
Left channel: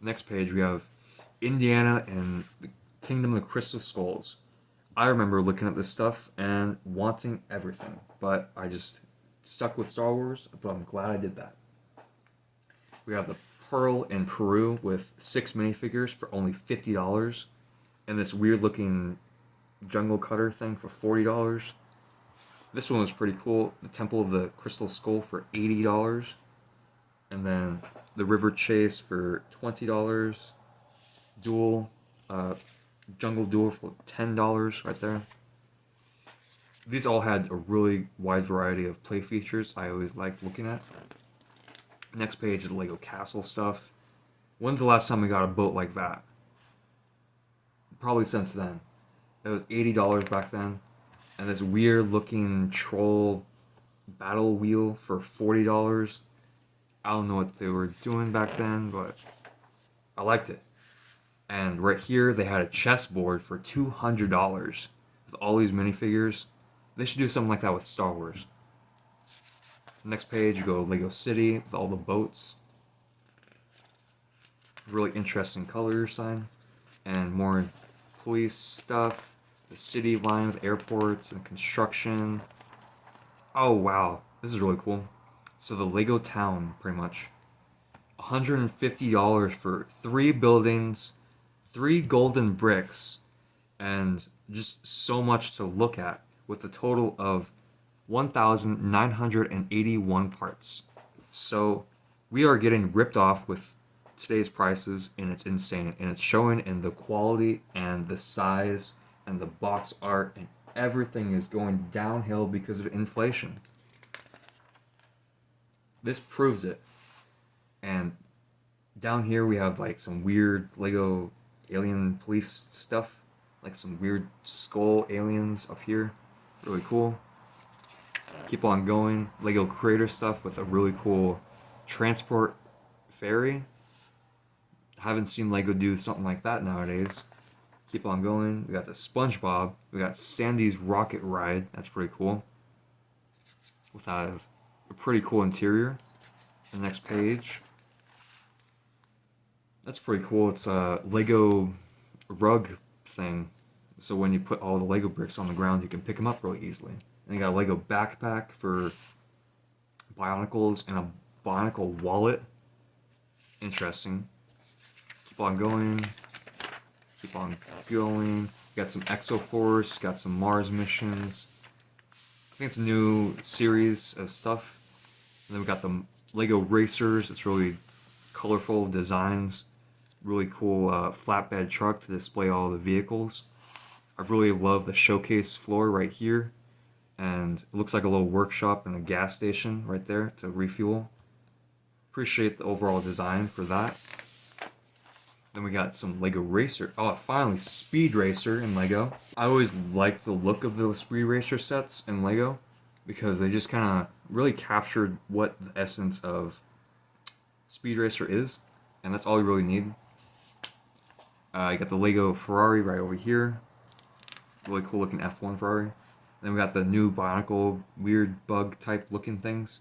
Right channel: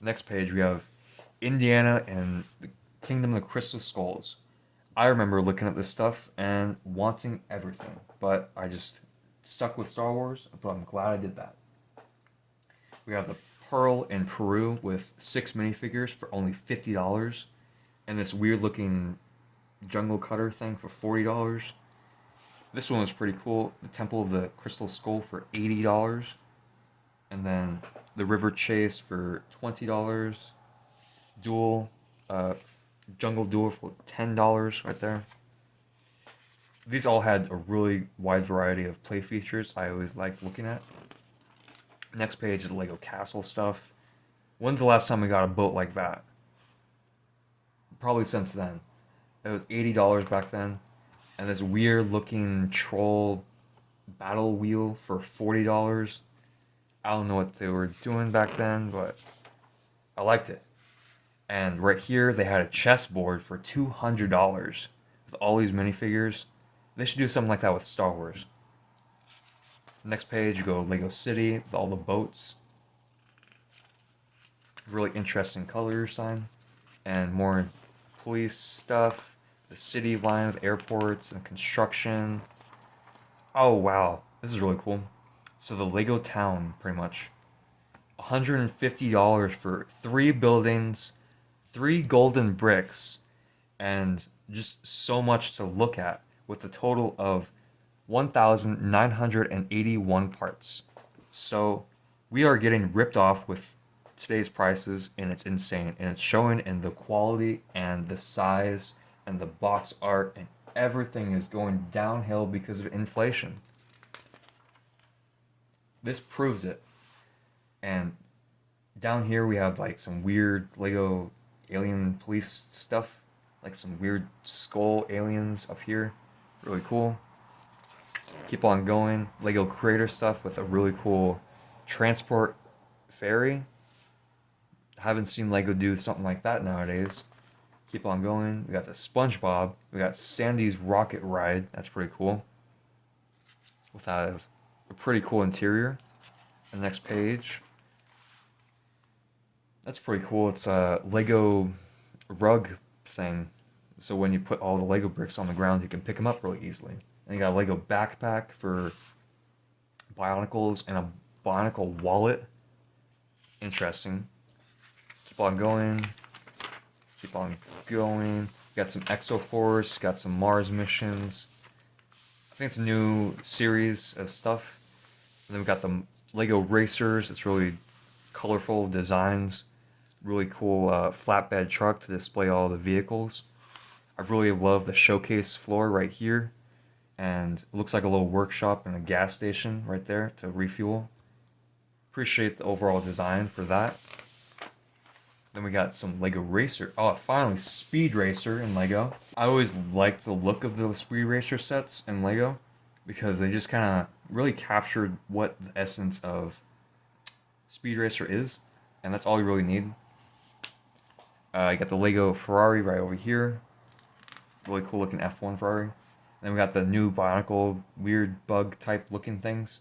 Next page, we have Indiana and the Kingdom of the Crystal Skulls. I remember looking at this stuff and wanting everything, but I just stuck with Star Wars, but I'm glad I did that. We have the Pearl in Peru with 6 minifigures for only $50, and this weird looking jungle cutter thing for $40. This one was pretty cool. The Temple of the Crystal Skull for $80. And then the River Chase for $20. Duel, Jungle Duel for $10 right there. These all had a really wide variety of play features I always liked looking at. Next page is the Lego Castle stuff. When's the last time we got a boat like that? Probably since then. It was $80 back then. And this weird looking troll battle wheel for $40. I don't know what they were doing back then, but I liked it. And right here, they had a chessboard for $200 with all these minifigures. They should do something like that with Star Wars. Next page, you go to Lego City with all the boats. Really interesting color sign. And more police stuff. The city line with airports and construction. Oh, wow. This is really cool. So the Lego town, pretty much. $150 for 3 buildings, 3 golden bricks, and just so much to look at with a total of 1,981 parts. So we are getting ripped off with today's prices, and it's insane. And it's showing in the quality and the size and the box art, and everything is going downhill because of inflation. This proves it. And down here we have like some weird Lego alien police stuff, like some weird skull aliens up here. Really cool. Keep on going. Lego Creator stuff with a really cool transport ferry. Haven't seen Lego do something like that nowadays. Keep on going. We got the SpongeBob. We got Sandy's Rocket Ride. That's pretty cool. With a pretty cool interior. The next page. That's pretty cool. It's a Lego rug thing. So when you put all the Lego bricks on the ground, you can pick them up really easily. And you got a Lego backpack for Bionicles and a Bionicle wallet. interesting. Keep on going. Keep on going. Got some Exoforce, got some Mars missions. I think it's a new series of stuff. And then we got the Lego Racers. It's really colorful designs. Really cool flatbed truck to display all the vehicles. I really love the showcase floor right here. And it looks like a little workshop and a gas station right there to refuel. Appreciate the overall design for that. Then we got some Lego Racer. Oh, finally, Speed Racer in Lego. I always liked the look of the Speed Racer sets in Lego because they just kind of really captured what the essence of Speed Racer is, and that's all you really need. You got the Lego Ferrari right over here. Really cool looking F1 Ferrari. Then we got the new Bionicle weird bug type looking things.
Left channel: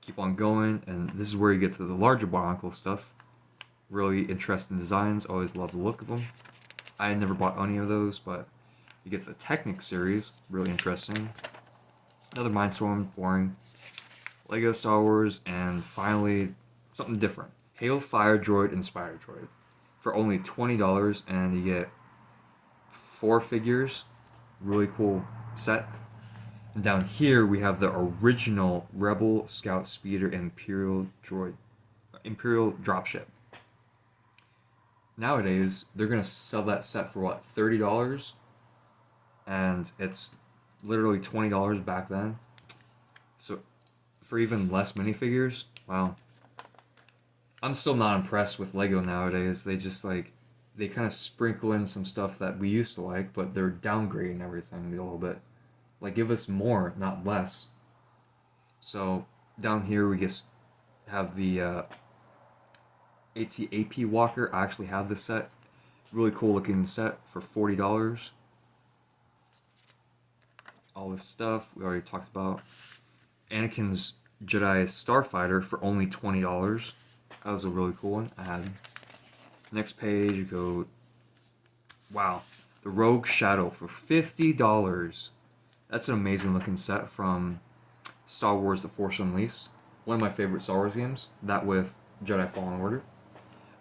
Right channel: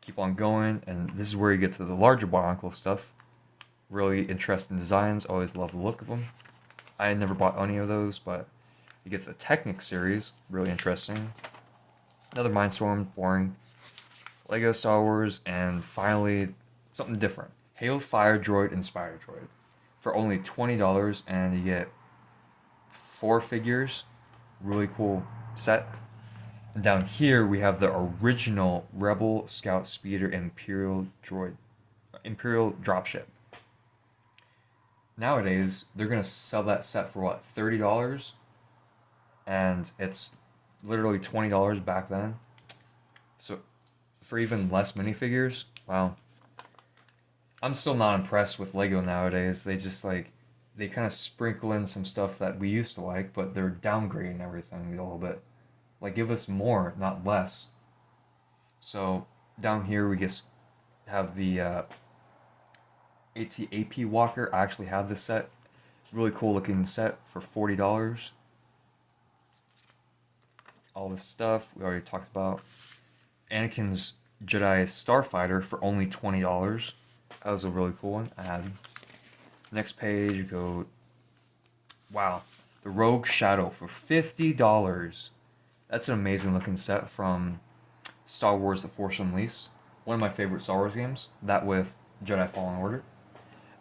Keep on going, and this is where you get to the larger Bionicle stuff. Really interesting designs. Always love the look of them. I had never bought any of those, but you get the Technic series. Really interesting. Another Mindstorm, boring. Lego Star Wars, and finally something different. Halo Fire Droid and Spider Droid for only $20, and you get 4 figures. Really cool set. And down here we have the original Rebel Scout Speeder Imperial Dropship. Nowadays, they're gonna sell that set for what, $30? And it's literally $20 back then. So for even less minifigures, wow. I'm still not impressed with Lego nowadays. They just they kind of sprinkle in some stuff that we used to like, but they're downgrading everything a little bit. Like, give us more, not less. So down here we just have the AT-AP Walker. I actually have this set. Really cool looking set for $40. All this stuff we already talked about. Anakin's Jedi Starfighter for only $20. That was a really cool one. I had. Next page, you go. Wow, the Rogue Shadow for $50. That's an amazing looking set from Star Wars: The Force Unleashed. One of my favorite Star Wars games. That with Jedi Fallen Order.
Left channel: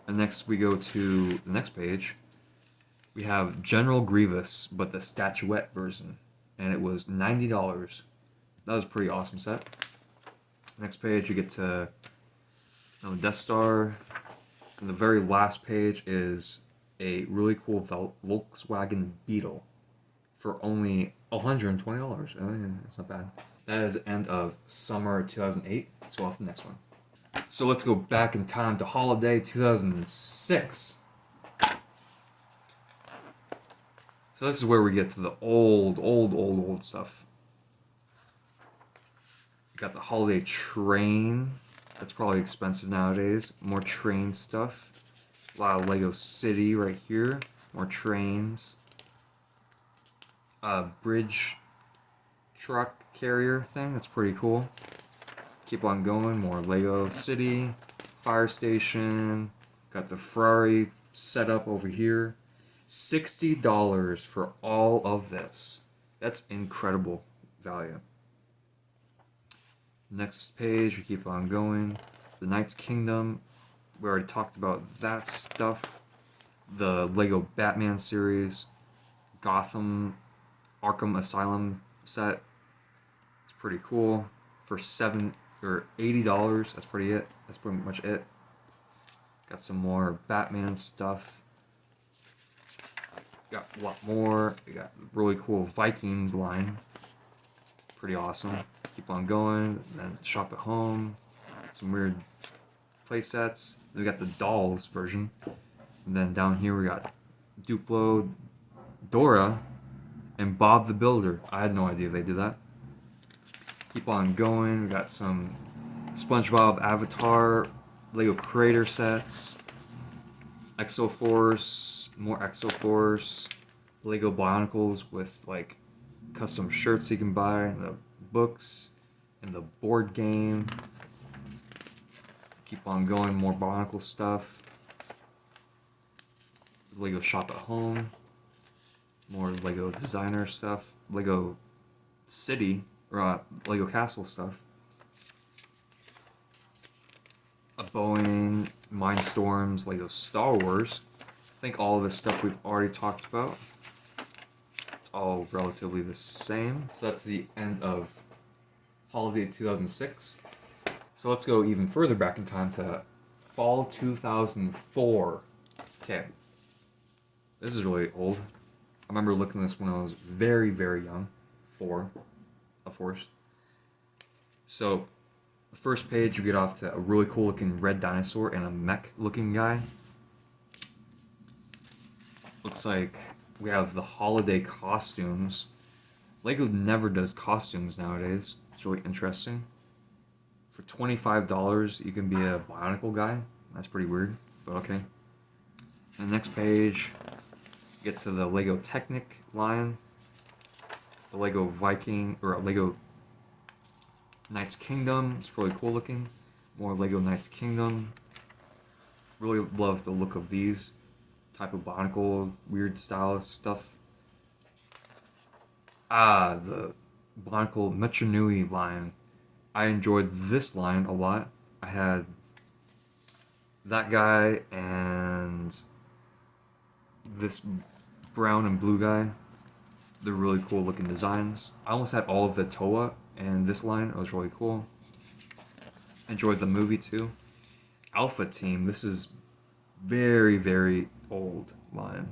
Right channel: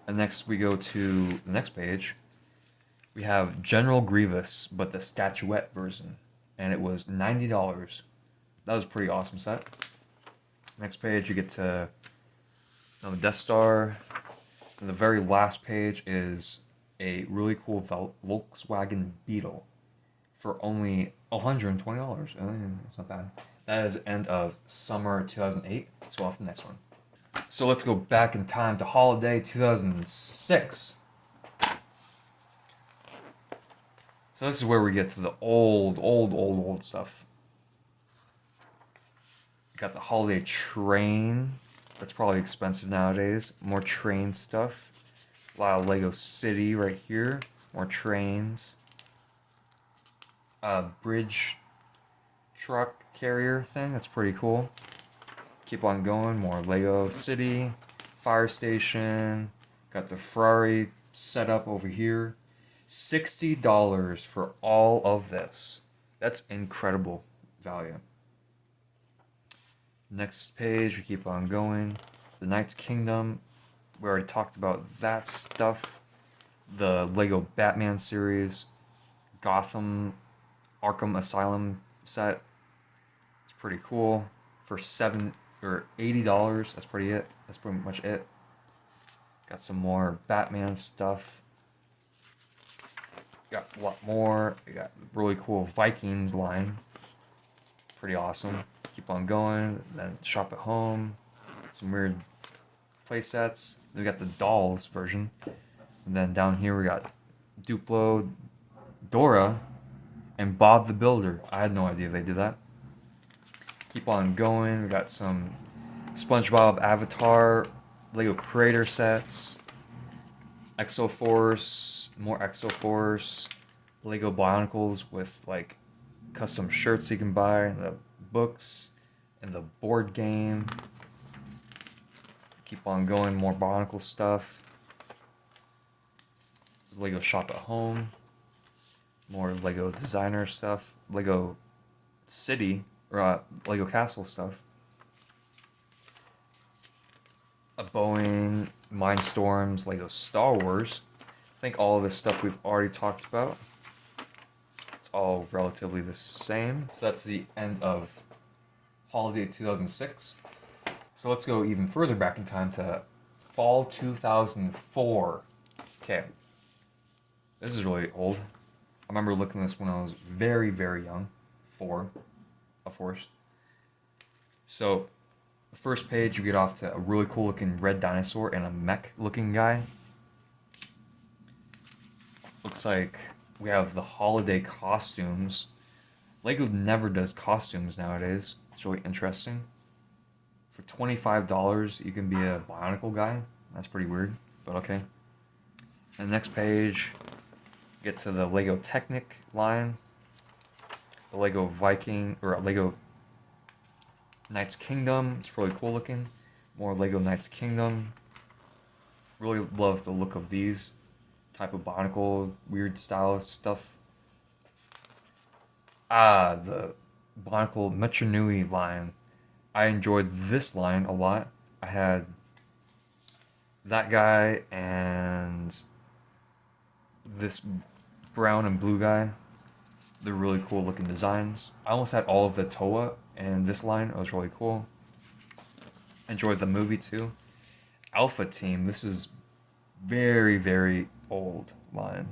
And next we go to the next page. We have General Grievous, but the statuette version, and it was $90. That was a pretty awesome set. Next page, you get to Death Star. And the very last page is a really cool Volkswagen Beetle for only $120. It's not bad. That is the end of summer 2008. Let's go off to the next one. So let's go back in time to holiday 2006. So this is where we get to the old stuff. Got the holiday train. That's probably expensive nowadays. More train stuff. A lot of Lego City right here. More trains. Bridge truck carrier thing. That's pretty cool. Keep on going. More Lego City. Fire station. Got the Ferrari set up over here. $60 for all of this. That's incredible value. Next page, we keep on going. The Knights Kingdom, we already talked about that stuff. The Lego Batman series, Gotham, Arkham Asylum set. It's pretty cool. For $80, that's pretty much it. Got some more Batman stuff. Got a lot more. We got really cool Vikings line. Pretty awesome. Keep on going. Then shop at home. Some weird play sets. We got the dolls version. And then down here we got Duplo, Dora, and Bob the Builder. I had no idea they did that. Keep on going. We got some SpongeBob Avatar, Lego Creator sets, Exoforce, more Exoforce, Lego Bionicles with like custom shirts you can buy, the books, and the board game. Keep on going, more Bionicle stuff. Lego Shop at Home, more Lego designer stuff, Lego City, or Lego Castle stuff. a Boeing, Mindstorms, Lego Star Wars. I think all of this stuff we've already talked about. It's all relatively the same. So that's the end of holiday 2006. So let's go even further back in time to fall 2004. Okay, this is really old. I remember looking at this when I was very, very young. 4, of course. So, first page, you get off to a really cool looking red dinosaur and a mech looking guy. Looks like we have the holiday costumes. Lego never does costumes nowadays. It's really interesting. For $25, you can be a Bionicle guy. That's pretty weird, but okay. And the next page, get to the Lego Technic line, the Lego Viking, or Lego Knights Kingdom. It's really cool looking. More Lego Knights Kingdom. Really love the look of these type of Bionicle, weird style stuff. The Bionicle Metro Nui line. I enjoyed this line a lot. I had that guy and this brown and blue guy. They're really cool looking designs. I almost had all of the Toa and this line. It was really cool. Enjoyed the movie too. Alpha Team. This is very, very old line.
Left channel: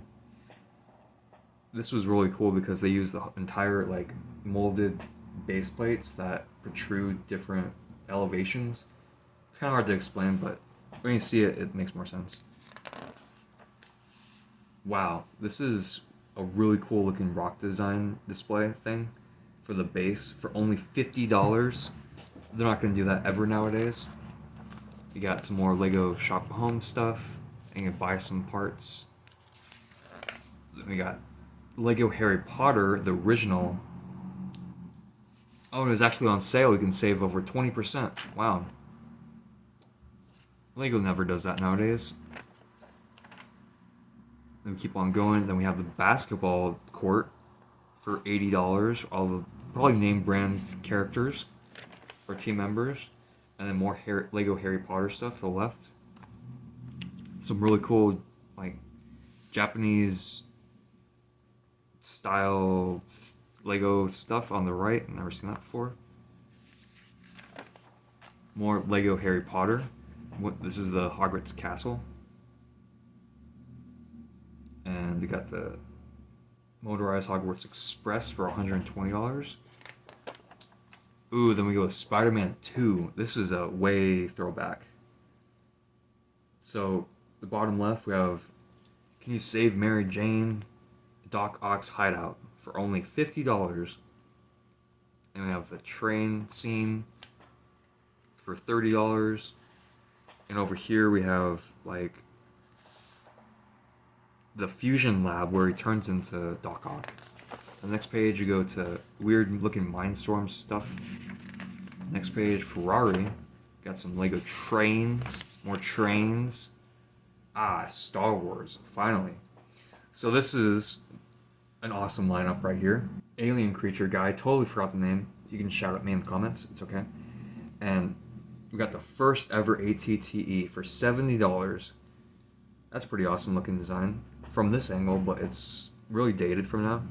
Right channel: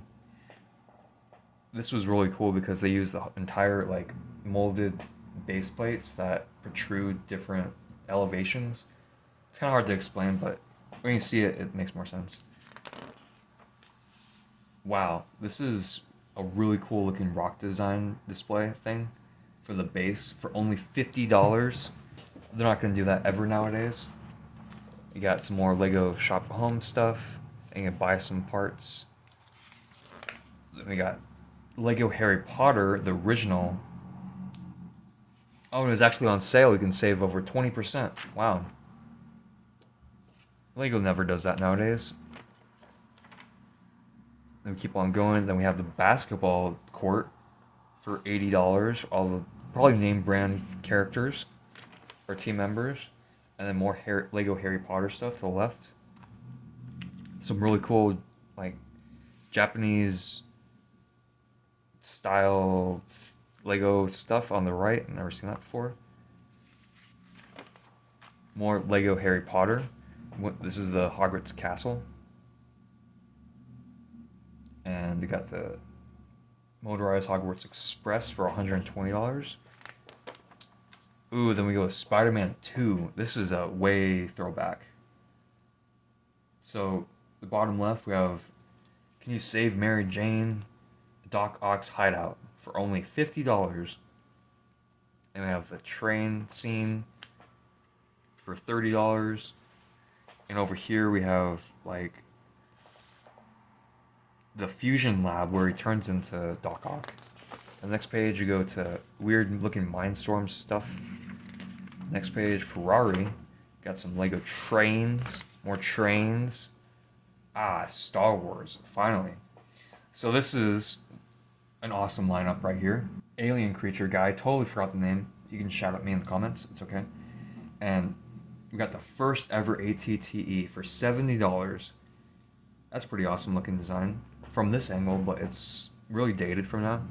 This was really cool because they used the entire like molded base plates that protrude different elevations. It's kind of hard to explain, but when you see it, it makes more sense. Wow, this is a really cool looking rock design display thing for the base for only $50. They're not going to do that ever nowadays. You got some more Lego Shop Home stuff, and you can buy some parts. Then we got Lego Harry Potter, the original. Oh, it was actually on sale. You can save over 20%. Wow. Lego never does that nowadays. Then we keep on going. Then we have the basketball court for $80. All the probably name brand characters or team members. And then more Lego Harry Potter stuff to the left. Some really cool, like, Japanese style Lego stuff on the right. I've never seen that before. More Lego Harry Potter. This is the Hogwarts Castle. And we got the motorized Hogwarts Express for $120. Ooh, then we go with Spider-Man 2. This is a way throwback. So, the bottom left, we have Can You Save Mary Jane? Doc Ock's Hideout for only $50. And we have the train scene for $30. And over here we have, like, the Fusion Lab where he turns into Doc Ock. On the next page, you go to weird looking Mindstorm stuff. Next page, Ferrari. Got some Lego trains. More trains. Star Wars. Finally. So this is an awesome lineup right here. Alien creature guy. Totally forgot the name. You can shout at me in the comments. It's okay. And we got the first ever ATTE for $70. That's pretty awesome looking design from this angle, but it's really dated from now.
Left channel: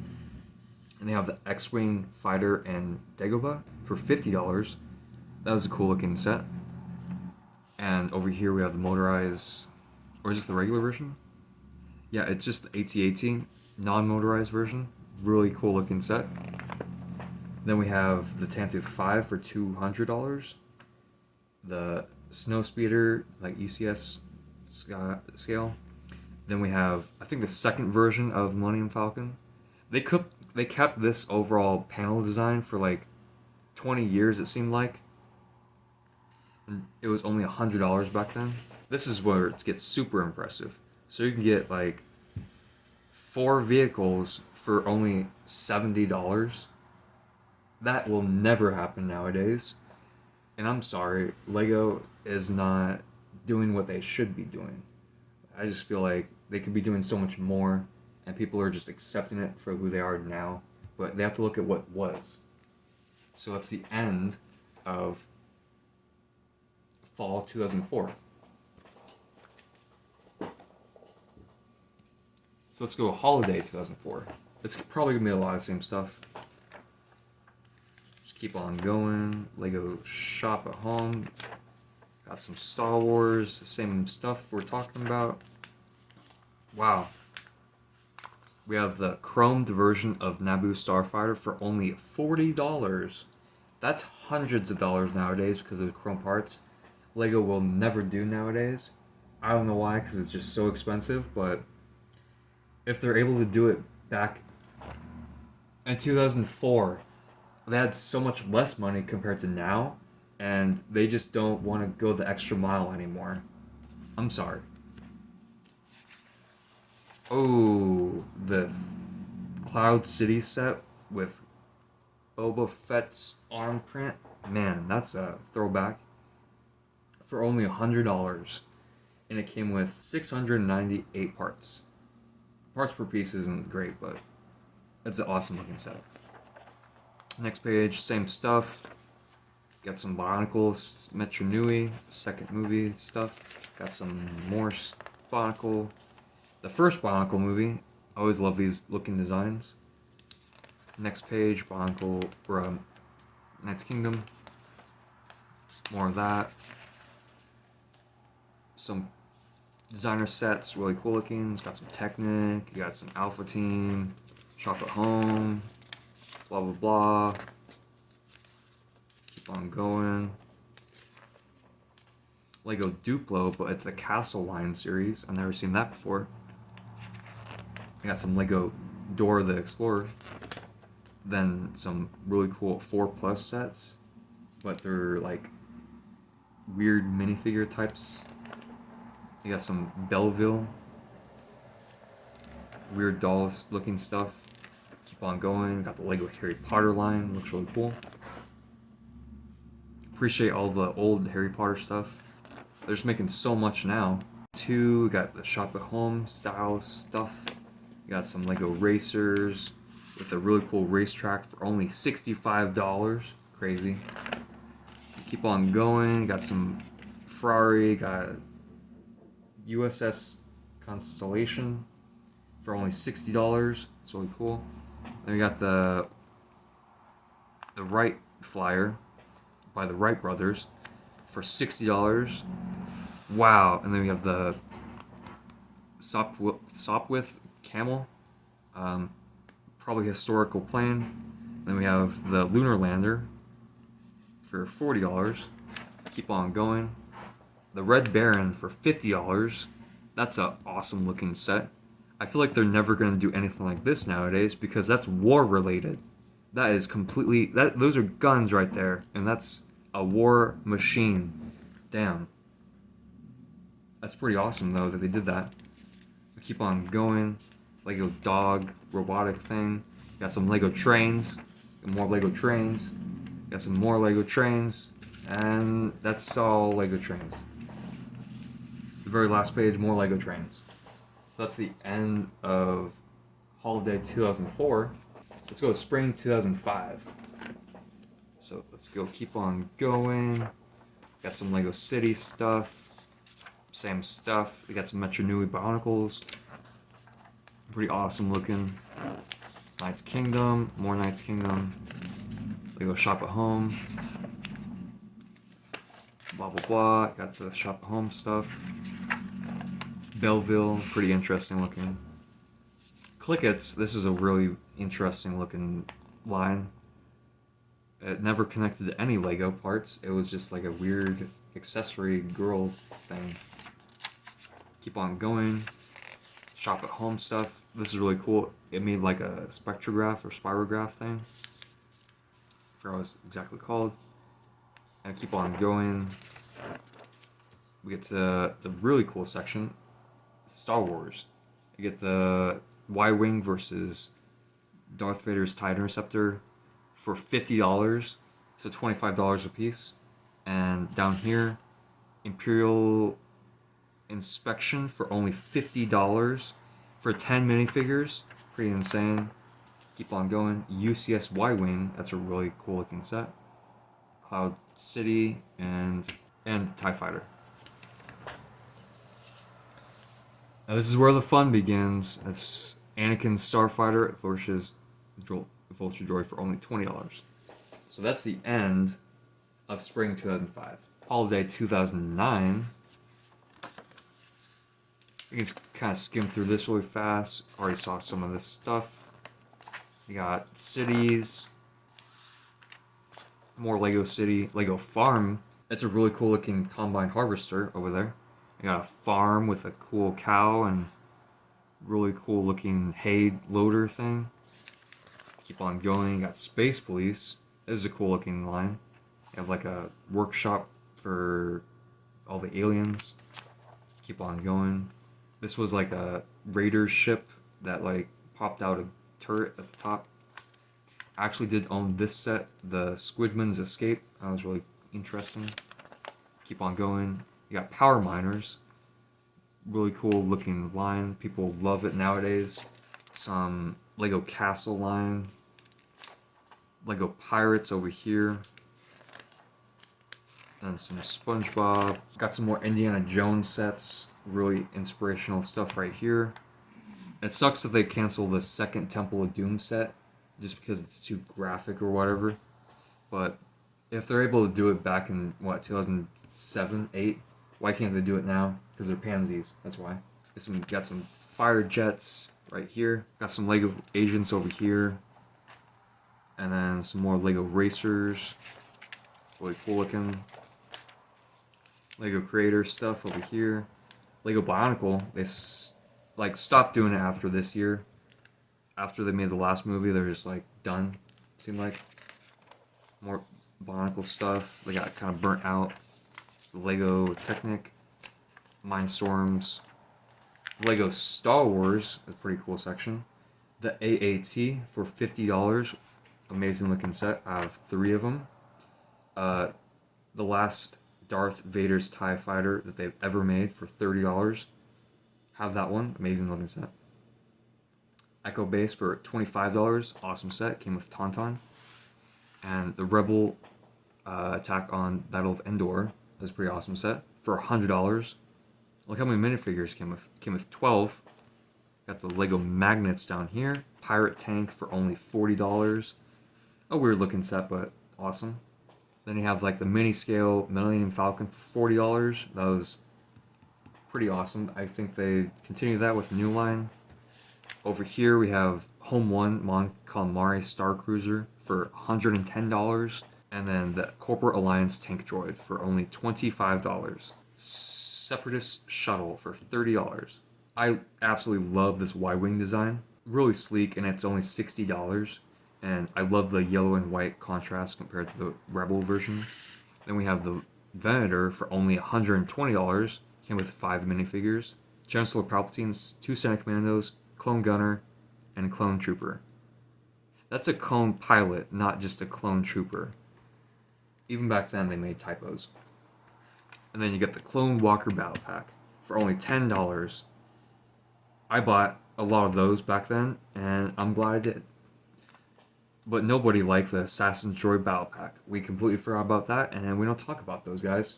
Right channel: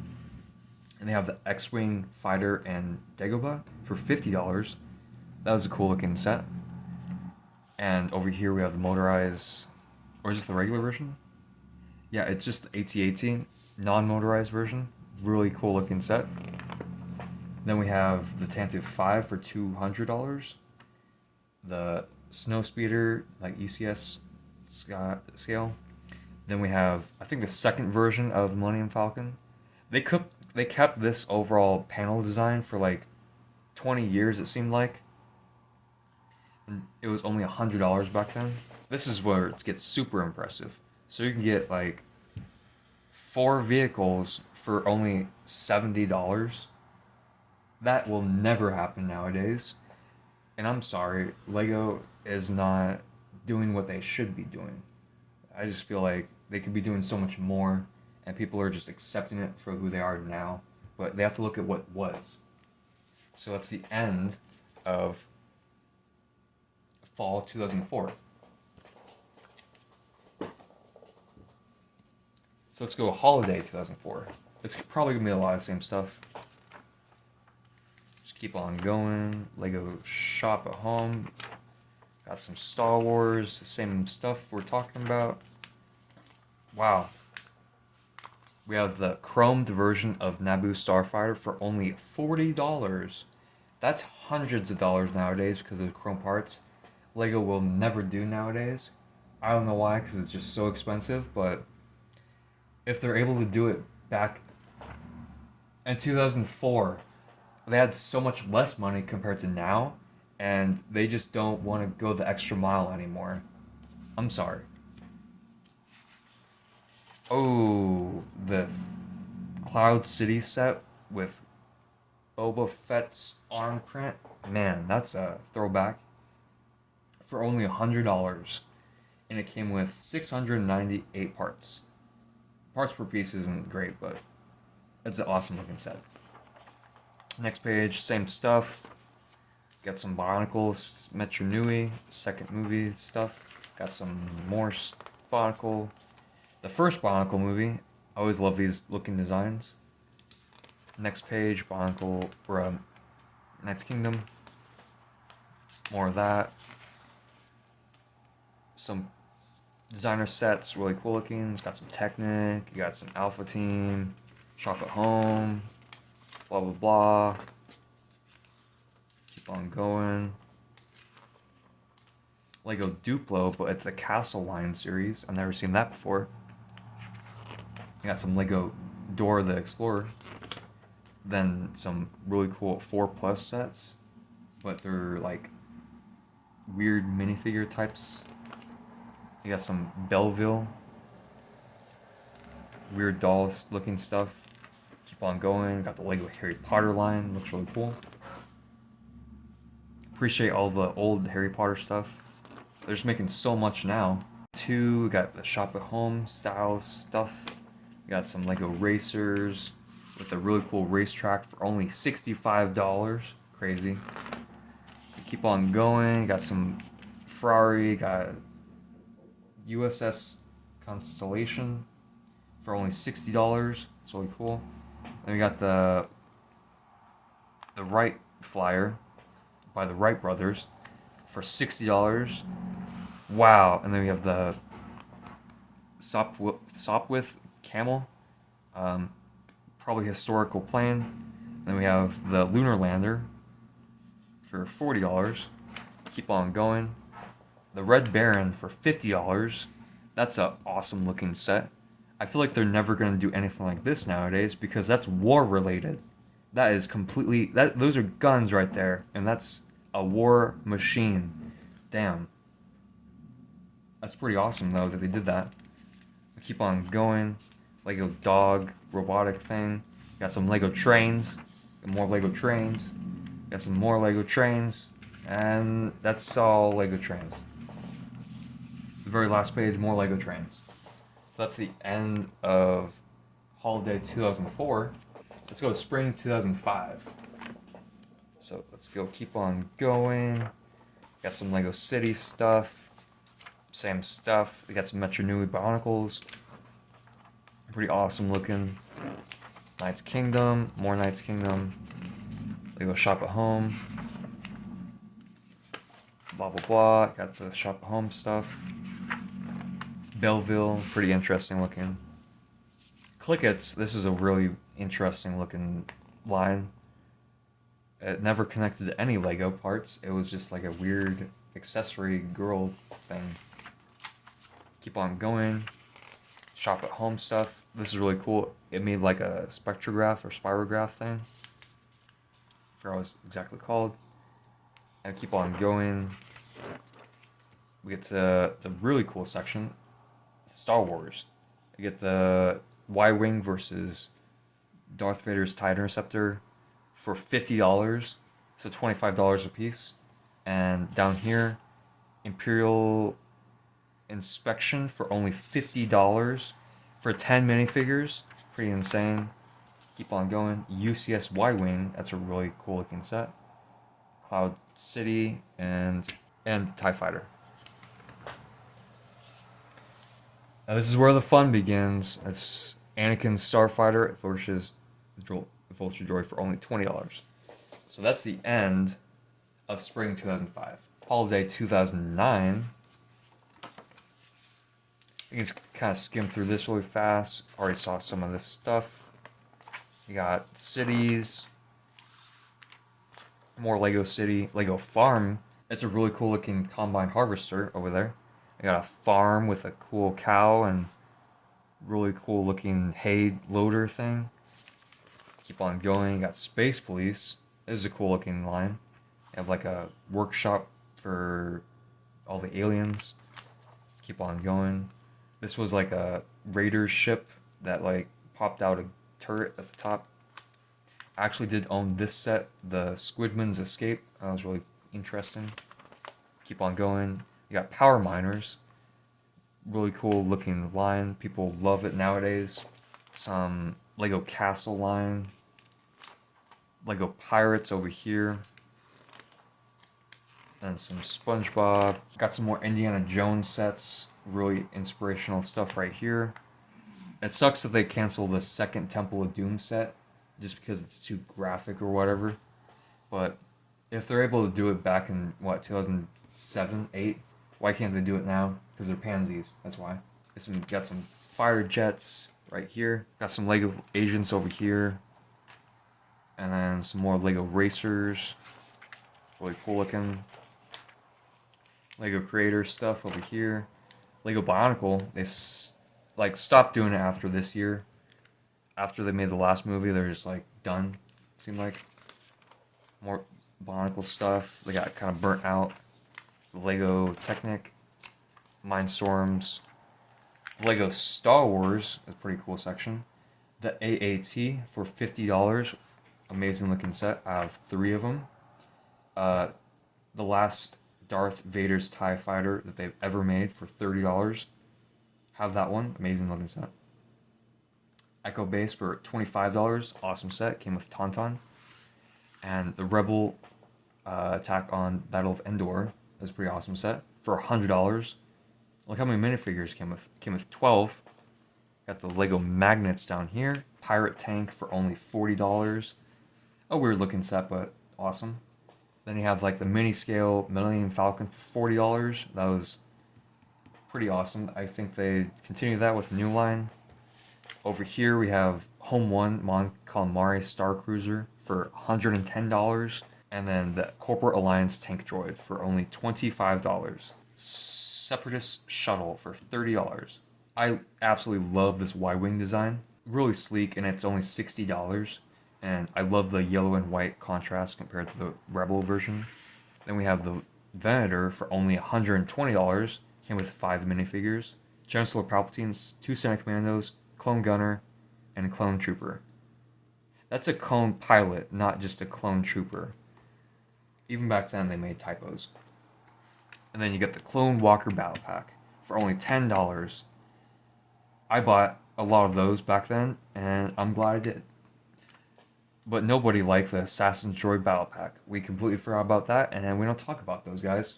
And they have the X-Wing Fighter and Dagobah for $50. That was a cool looking set. And over here we have the motorized, or is this the regular version? Yeah, it's just the AT-AT, non-motorized version. Really cool looking set. Then we have the Tantive 5 for $200. The Snowspeeder, like UCS scale. Then we have, I think, the second version of Millennium Falcon. They kept this overall panel design for like 20 years, it seemed like. And it was only $100 back then. This is where it gets super impressive. So you can get like 4 vehicles for only $70. That will never happen nowadays. And I'm sorry, Lego is not doing what they should be doing. I just feel like they could be doing so much more, and people are just accepting it for who they are now. But they have to look at what was. So that's the end of fall 2004. So let's go holiday 2004. It's probably gonna be a lot of the same stuff. Just keep on going. Lego Shop at Home. Got some Star Wars, the same stuff we're talking about. Wow. We have the chromed version of Naboo Starfighter for only $40. That's hundreds of dollars nowadays because of the chrome parts. Lego will never do nowadays. I don't know why, because it's just so expensive, but if they're able to do it back in 2004, they had so much less money compared to now, and they just don't want to go the extra mile anymore. I'm sorry. Oh, the Cloud City set with Boba Fett's arm print. Man, that's a throwback. For only $100. And it came with 698 parts. Parts per piece isn't great, but it's an awesome looking setup. Next page, same stuff. Got some Bionicles, Metro Nui, second movie stuff. Got some more Bionicle. The first Bionicle movie. I always love these looking designs. Next page, Bionicle, or Knight's Kingdom. More of that. Some designer sets, really cool looking. It's got some Technic, you got some Alpha Team, Shop at Home, blah blah blah. Keep on going. Lego Duplo, but it's the Castle Line series. I've never seen that before. We got some Lego Dora the Explorer. Then some really cool 4+ sets, but they're like weird minifigure types. You got some Belleville, weird doll looking stuff. Keep on going. Got the Lego Harry Potter line, looks really cool. Appreciate all the old Harry Potter stuff. They're just making so much now. We got the Shop at Home style stuff. We got some Lego racers with a really cool racetrack for only $65. Crazy. Keep on going. Got some Ferrari. Got USS Constellation for only $60. It's really cool. Then we got the Wright Flyer by the Wright brothers for $60. Wow. And then we have the Sopwith Camel, probably historical plane. Then we have the Lunar Lander for $40. Keep on going. The Red Baron for $50. That's an awesome looking set. I feel like they're never going to do anything like this nowadays because that's war related. That is completely, those are guns right there, and that's a war machine. Damn. That's pretty awesome though that they did that. Keep on going. Lego dog robotic thing. Got some Lego trains. More Lego trains. Got some more Lego trains. And that's all Lego trains. The very last page, more Lego trains. So that's the end of Holiday 2004. Let's go to Spring 2005. So let's go keep on going. Got some Lego City stuff. Same stuff. We got some Metro Nui Bionicles. Pretty awesome looking. Knight's Kingdom. More Knight's Kingdom. Lego Shop at Home. Blah blah blah. Got the Shop at Home stuff. Belleville. Pretty interesting looking. Clickets. This is a really interesting looking line. It never connected to any Lego parts. It was just like a weird accessory girl thing. Keep on going. Shop at Home stuff. This is really cool. It made like a spectrograph or spirograph thing. I forgot what it's exactly called. And keep on going. We get to the really cool section. Star Wars. We get the Y-Wing versus Darth Vader's TIE Interceptor for $50. So $25 a piece. And down here, Imperial Inspection for only $50 for 10 minifigures. Pretty insane. Keep on going. UCS Y-Wing. That's a really cool looking set. Cloud City and and the TIE Fighter. Now this is where the fun begins. It's Anakin Starfighter versus Vulture Droid for only $20. So that's the end of spring 2005. Holiday 2009. You can just kind of skim through this really fast. Already saw some of this stuff. You got cities, more Lego City, Lego Farm. It's a really cool looking combine harvester over there. You got a farm with a cool cow and really cool looking hay loader thing. Keep on going. You got Space Police. This is a cool looking line. You have like a workshop for all the aliens. Keep on going. This was like a raider ship that like popped out a turret at the top. I actually did own this set, the Squidman's Escape. That was really interesting. Keep on going. You got Power Miners. Really cool looking line. People love it nowadays. Some Lego Castle line. Lego Pirates over here. And some SpongeBob. Got some more Indiana Jones sets. Really inspirational stuff right here. It sucks that they canceled the second Temple of Doom set just because it's too graphic or whatever. But if they're able to do it back in, 2007, 8, why can't they do it now? Because they're pansies, that's why. Got some fighter jets right here. Got some Lego agents over here. And then some more Lego racers. Really cool looking. Lego creator stuff over here. Lego Bionicle, they stopped doing it after this year. After they made the last movie, they're just like done. Seemed like more Bionicle stuff. They got kind of burnt out. Lego Technic, Mindstorms, Lego Star Wars, a pretty cool section. The AAT for $50, amazing looking set. I have 3 of them. The last Darth Vader's TIE Fighter that they've ever made for $30. Have that one, amazing looking set. Echo Base for $25, awesome set, came with Tauntaun. And the Rebel Attack on Battle of Endor is a pretty awesome set for $100. Look how many minifigures came with. Came with 12. Got the Lego magnets down here. Pirate Tank for only $40. A weird looking set, but awesome. Then you have like the mini scale Millennium Falcon for $40. That was pretty awesome. I think they continue that with a new line. Over here we have Home 1 Mon Calamari Star Cruiser for $110. And then the Corporate Alliance Tank Droid for only $25. Separatist Shuttle for $30. I absolutely love this Y-Wing design. Really sleek, and it's only $60. And I love the yellow and white contrast compared to the Rebel version. Then we have the Venator for only $120. Came with 5 minifigures. Chancellor Palpatine, 2 Senate Commandos, Clone Gunner, and Clone Trooper. That's a clone pilot, not just a clone trooper. Even back then, they made typos. And then you get the Clone Walker Battle Pack for only $10. I bought a lot of those back then, and I'm glad I did. But nobody liked the Assassin's Droid Battle Pack. We completely forgot about that, and we don't talk about those guys.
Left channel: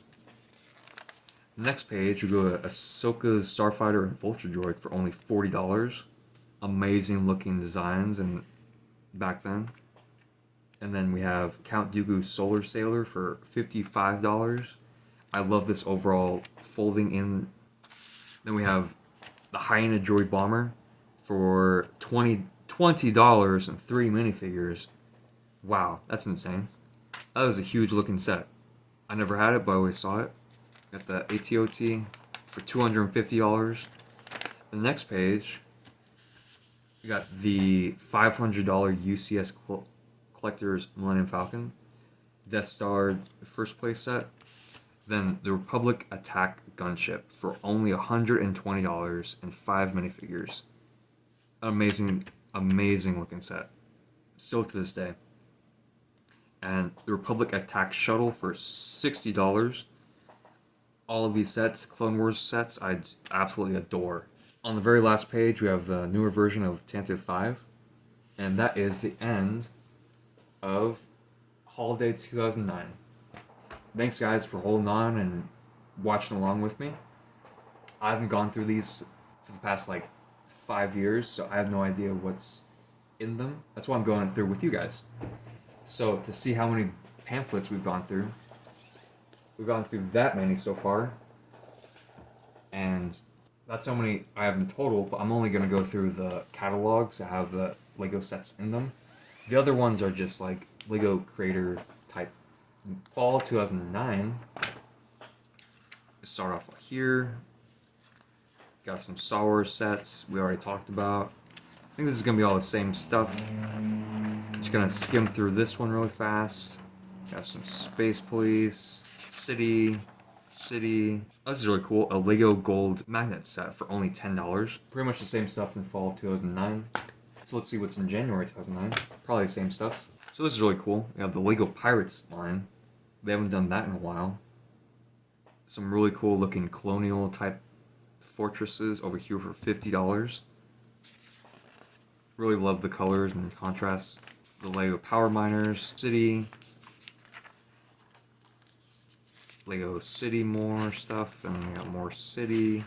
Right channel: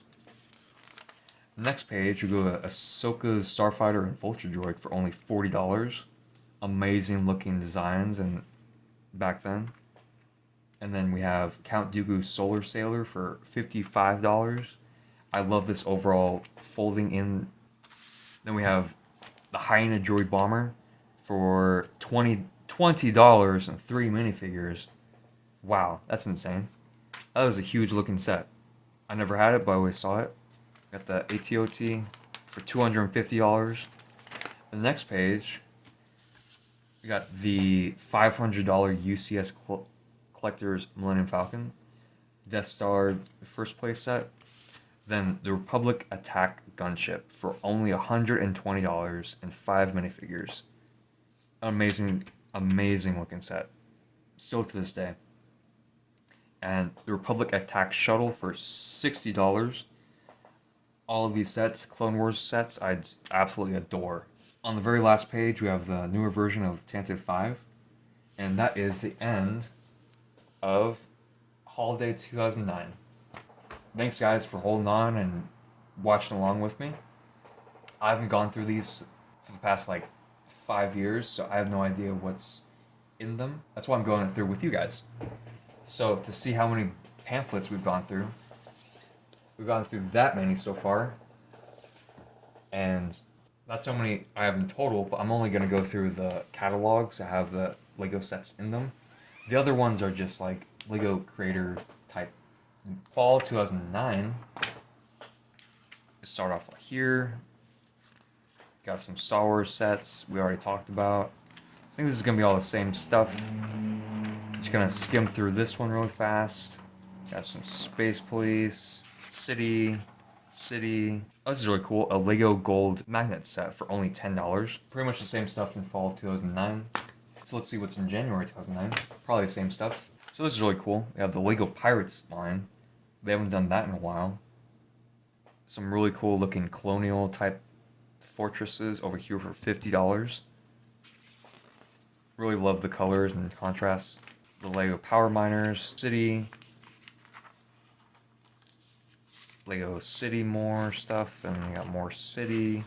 Next page, we go to Ahsoka's Starfighter and Vulture Droid for only $40. Amazing looking designs and back then. And then we have Count Dooku's Solar Sailor for $55. I love this overall folding in. Then we have the Hyena Droid Bomber for $20 and 3 minifigures. Wow, that's insane. That was a huge looking set. I never had it, but I always saw it. Got the ATOT for $250. The next page, we got the $500 UCS Collector's Millennium Falcon, Death Star first place set, then the Republic Attack Gunship for only $120 and 5 minifigures. Amazing looking set, still to this day. And the Republic Attack Shuttle for $60. All of these sets, Clone Wars sets, I absolutely adore. On the very last page, we have the newer version of Tantive 5, and that is the end of Holiday 2009. thanks guys for holding on and watching along with me. I haven't gone through these for the past like 5 years, so I have no idea what's in them. That's why I'm going through with you guys. So to see how many pamphlets we've gone through that many so far, and that's how many I have in total. But I'm only gonna go through the catalogs that have the Lego sets in them. The other ones are just like Lego Creator type. Fall 2009. Let's start off here. Got some Star Wars sets we already talked about. I think this is gonna be all the same stuff. Just gonna skim through this one really fast. Got some Space Police, City. Oh, this is really cool. A Lego Gold magnet set for only $10. Pretty much the same stuff in fall 2009. So let's see what's in January 2009. Probably the same stuff. So this is really cool. We have the Lego Pirates line. They haven't done that in a while. Some really cool looking colonial type fortresses over here for $50. Really love the colors and contrasts. The Lego Power Miners, City. Lego City more stuff, and we got more City.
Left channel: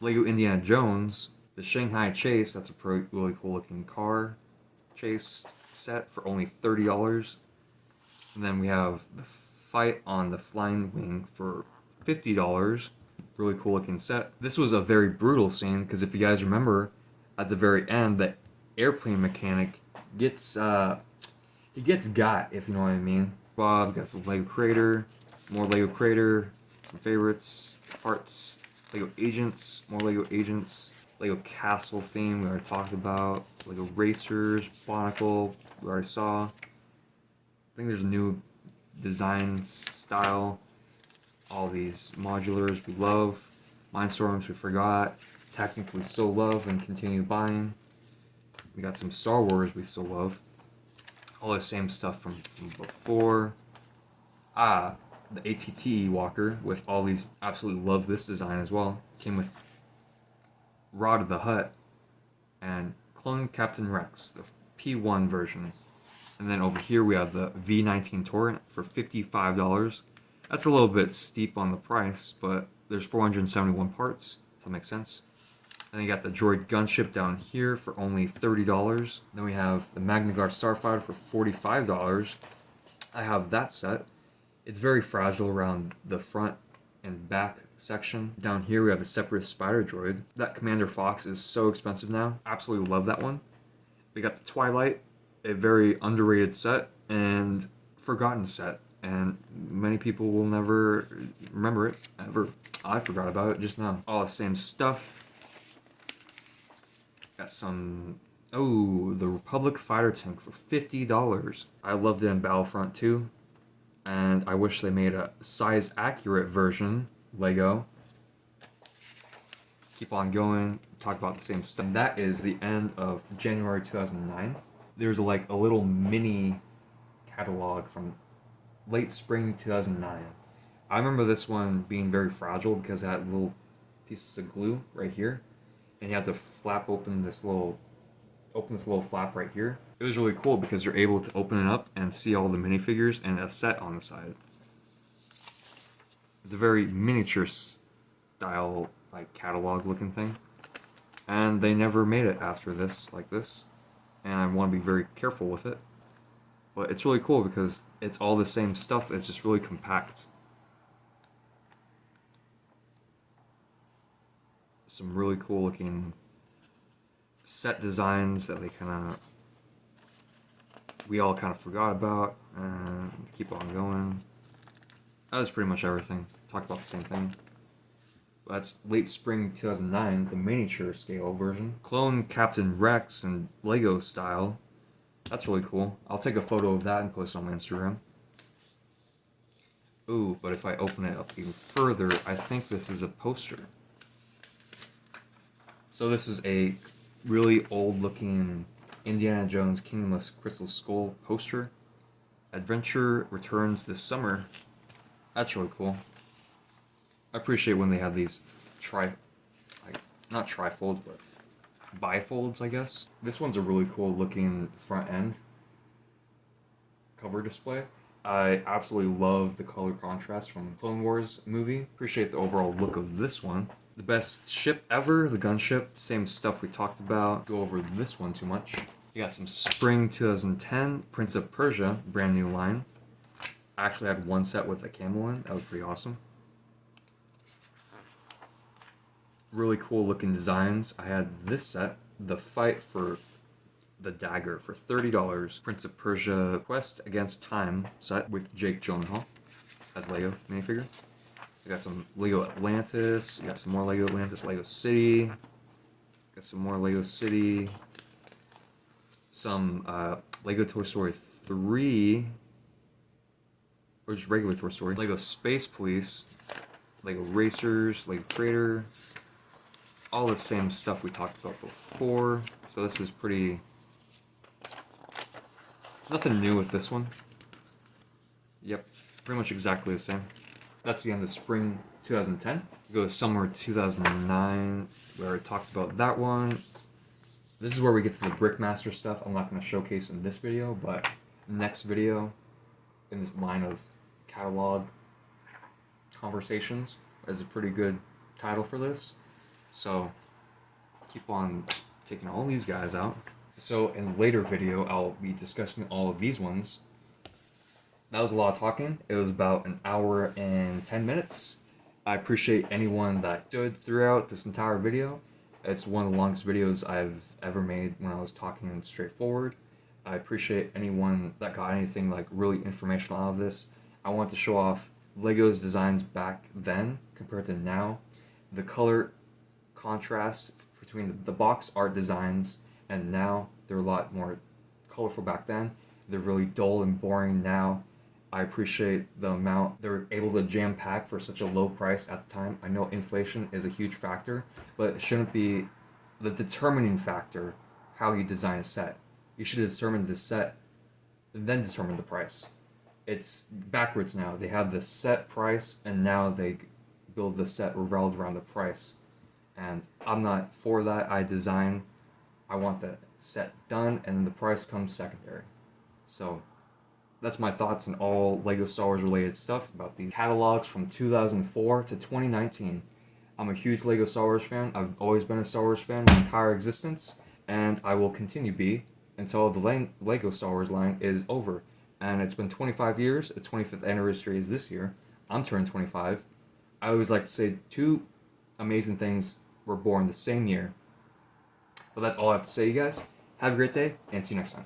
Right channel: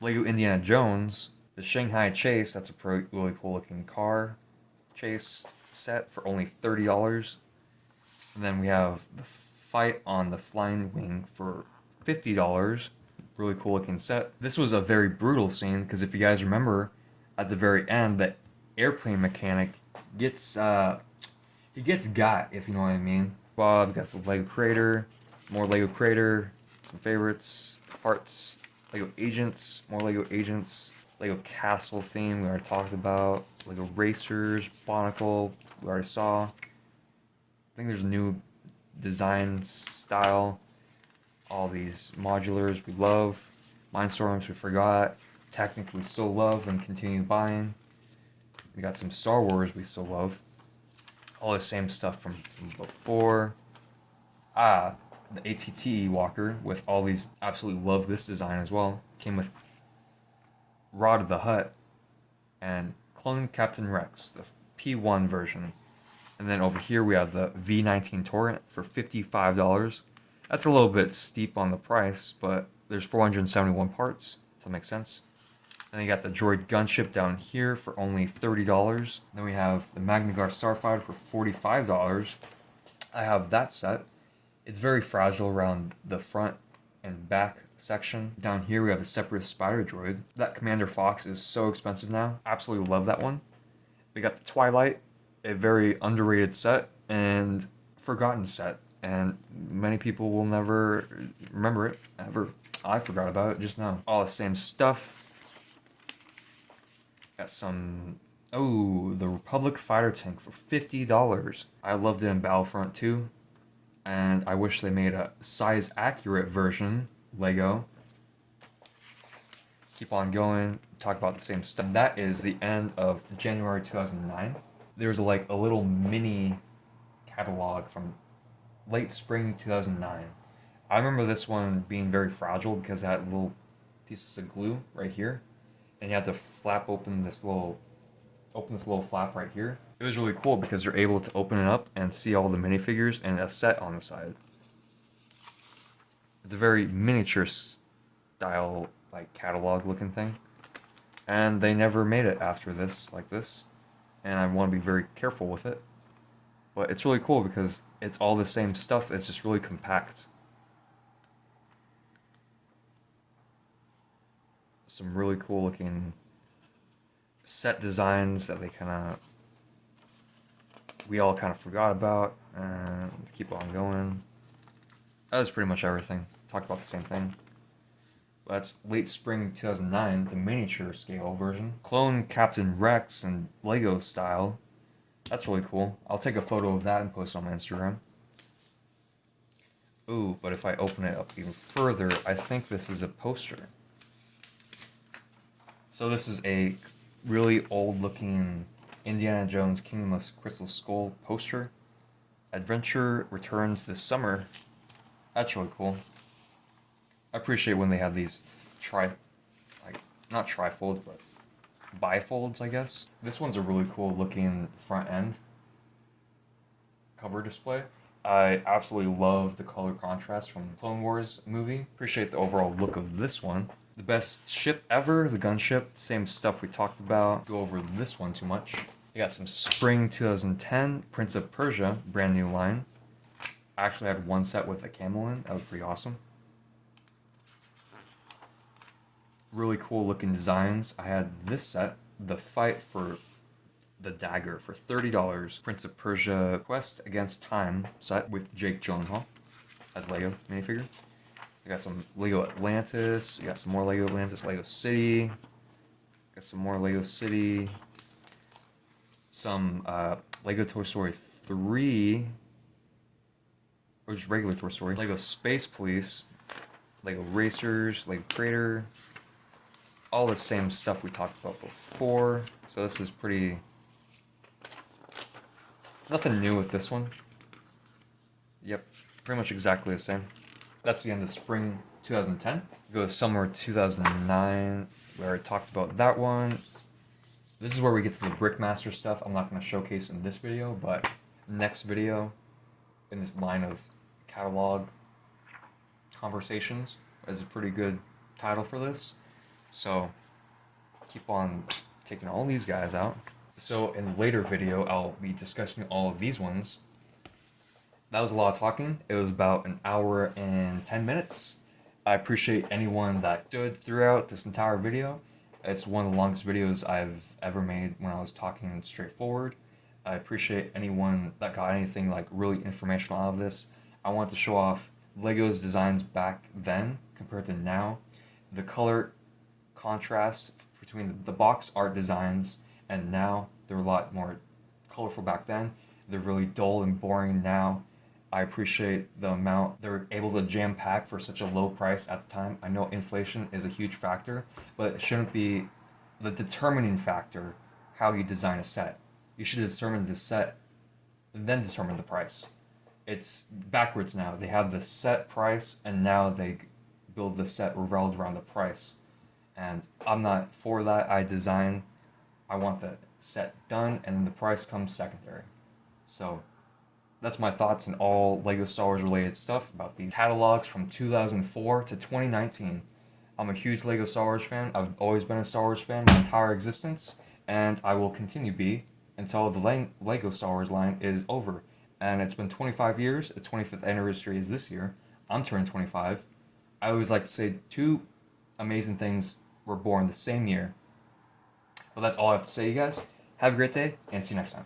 Lego Indiana Jones. The Shanghai Chase, that's a really cool looking car chase set for only $30. And then we have the Fight on the Flying Wing for $50. Really cool looking set. This was a very brutal scene because if you guys remember, at the very end, the airplane mechanic gets he gets got, if you know what I mean. Bob got some Lego Creator, more Lego Creator, some favorites, parts, Lego Agents, more Lego Agents, Lego Castle theme we already talked about, Lego Racers, Barnacle we already saw. I think there's a new design style. All these modulars we love. Mindstorms we forgot. Technically still love and continue buying. We got some Star Wars we still love. All the same stuff from before. The ATT Walker with all these. Absolutely love this design as well. Came with Rod of the Hutt and Clone Captain Rex, the P1 version. And then over here we have the V19 Torrent for $55. That's a little bit steep on the price, but there's 471 parts. Does that make sense? And then you got the Droid Gunship down here for only $30. Then we have the Magna Guard Starfighter for $45. I have that set. It's very fragile around the front and back section. Down here we have the Separatist Spider Droid. That Commander Fox is so expensive now. Absolutely love that one. We got the Twilight, a very underrated set and forgotten set. And many people will never remember it, ever. I forgot about it just now. All the same stuff. Got some... Oh, the Republic Fighter Tank for $50. I loved it in Battlefront 2. And I wish they made a size-accurate version, Lego. Keep on going, talk about the same stuff. And that is the end of January 2009. There's like a little mini catalog from late spring 2009. I remember this one being very fragile because it had little pieces of glue right here, and you have to open this little flap right here. It was really cool because you're able to open it up and see all the minifigures and a set on the side. It's a very miniature style, like catalog looking thing, and they never made it after this like this, and I want to be very careful with it. But it's really cool because it's all the same stuff. It's just really compact. Some really cool looking set designs that we all kind of forgot about. And keep on going. That was pretty much everything. Talk about the same thing. That's late spring 2009, the miniature scale version. Clone Captain Rex and Lego style. That's really cool. I'll take a photo of that and post it on my Instagram. Ooh, but if I open it up even further, I think this is a poster. So this is a really old-looking Indiana Jones Kingdom of Crystal Skull poster. Adventure returns this summer. That's really cool. I appreciate when they have these not trifolds, but bifolds, I guess. This one's a really cool looking front end cover display. I absolutely love the color contrast from Clone Wars movie. Appreciate the overall look of this one. The best ship ever, the gunship. Same stuff we talked about. Go over this one too much. You got some Spring 2010 Prince of Persia, brand new line. I actually had one set with a camel in. That was pretty awesome. Really cool looking designs. I had this set, the Fight for the Dagger, for $30. Prince of Persia Quest Against Time set with Jake Gyllenhaal as Lego minifigure. I got some Lego Atlantis. You got some more Lego Atlantis, Lego City. Got some more Lego City. Some Lego Toy Story 3. Or just regular Toy Story. Lego Space Police. Lego Racers. Lego Creator. All the same stuff we talked about before. So this is pretty... Nothing new with this one. Yep, pretty much exactly the same. That's the end of spring 2010. Go to summer 2009, where I talked about that one. This is where we get to the Brickmaster stuff. I'm not going to showcase in this video, but next video in this line of catalog conversations is a pretty good title for this. So keep on taking all these guys out. So in a later video, I'll be discussing all of these ones. That was a lot of talking. It was about an hour and 10 minutes. I appreciate anyone that stood throughout this entire video. It's one of the longest videos I've ever made when I was talking straightforward. I appreciate anyone that got anything like really informational out of this. I wanted to show off Lego's designs back then compared to now. The color contrast between the box art designs and now, they're a lot more colorful back then. They're really dull and boring now. I appreciate the amount they're able to jam pack for such a low price at the time. I know inflation is a huge factor, but it shouldn't be the determining factor how you design a set. You should determine the set and then determine the price. It's backwards now. They have the set price and now they build the set revolved around the price. And I'm not for that. I want the set done, and then the price comes secondary. So that's my thoughts on all Lego Star Wars related stuff about these catalogs from 2004 to 2019. I'm a huge Lego Star Wars fan. I've always been a Star Wars fan my entire existence, and I will continue to be until the Lego Star Wars line is over. And it's been 25 years. The 25th anniversary is this year. I'm turning 25. I always like to say two amazing things were born the same year. But that's all I have to say, you guys. Have a great day, and see you next time.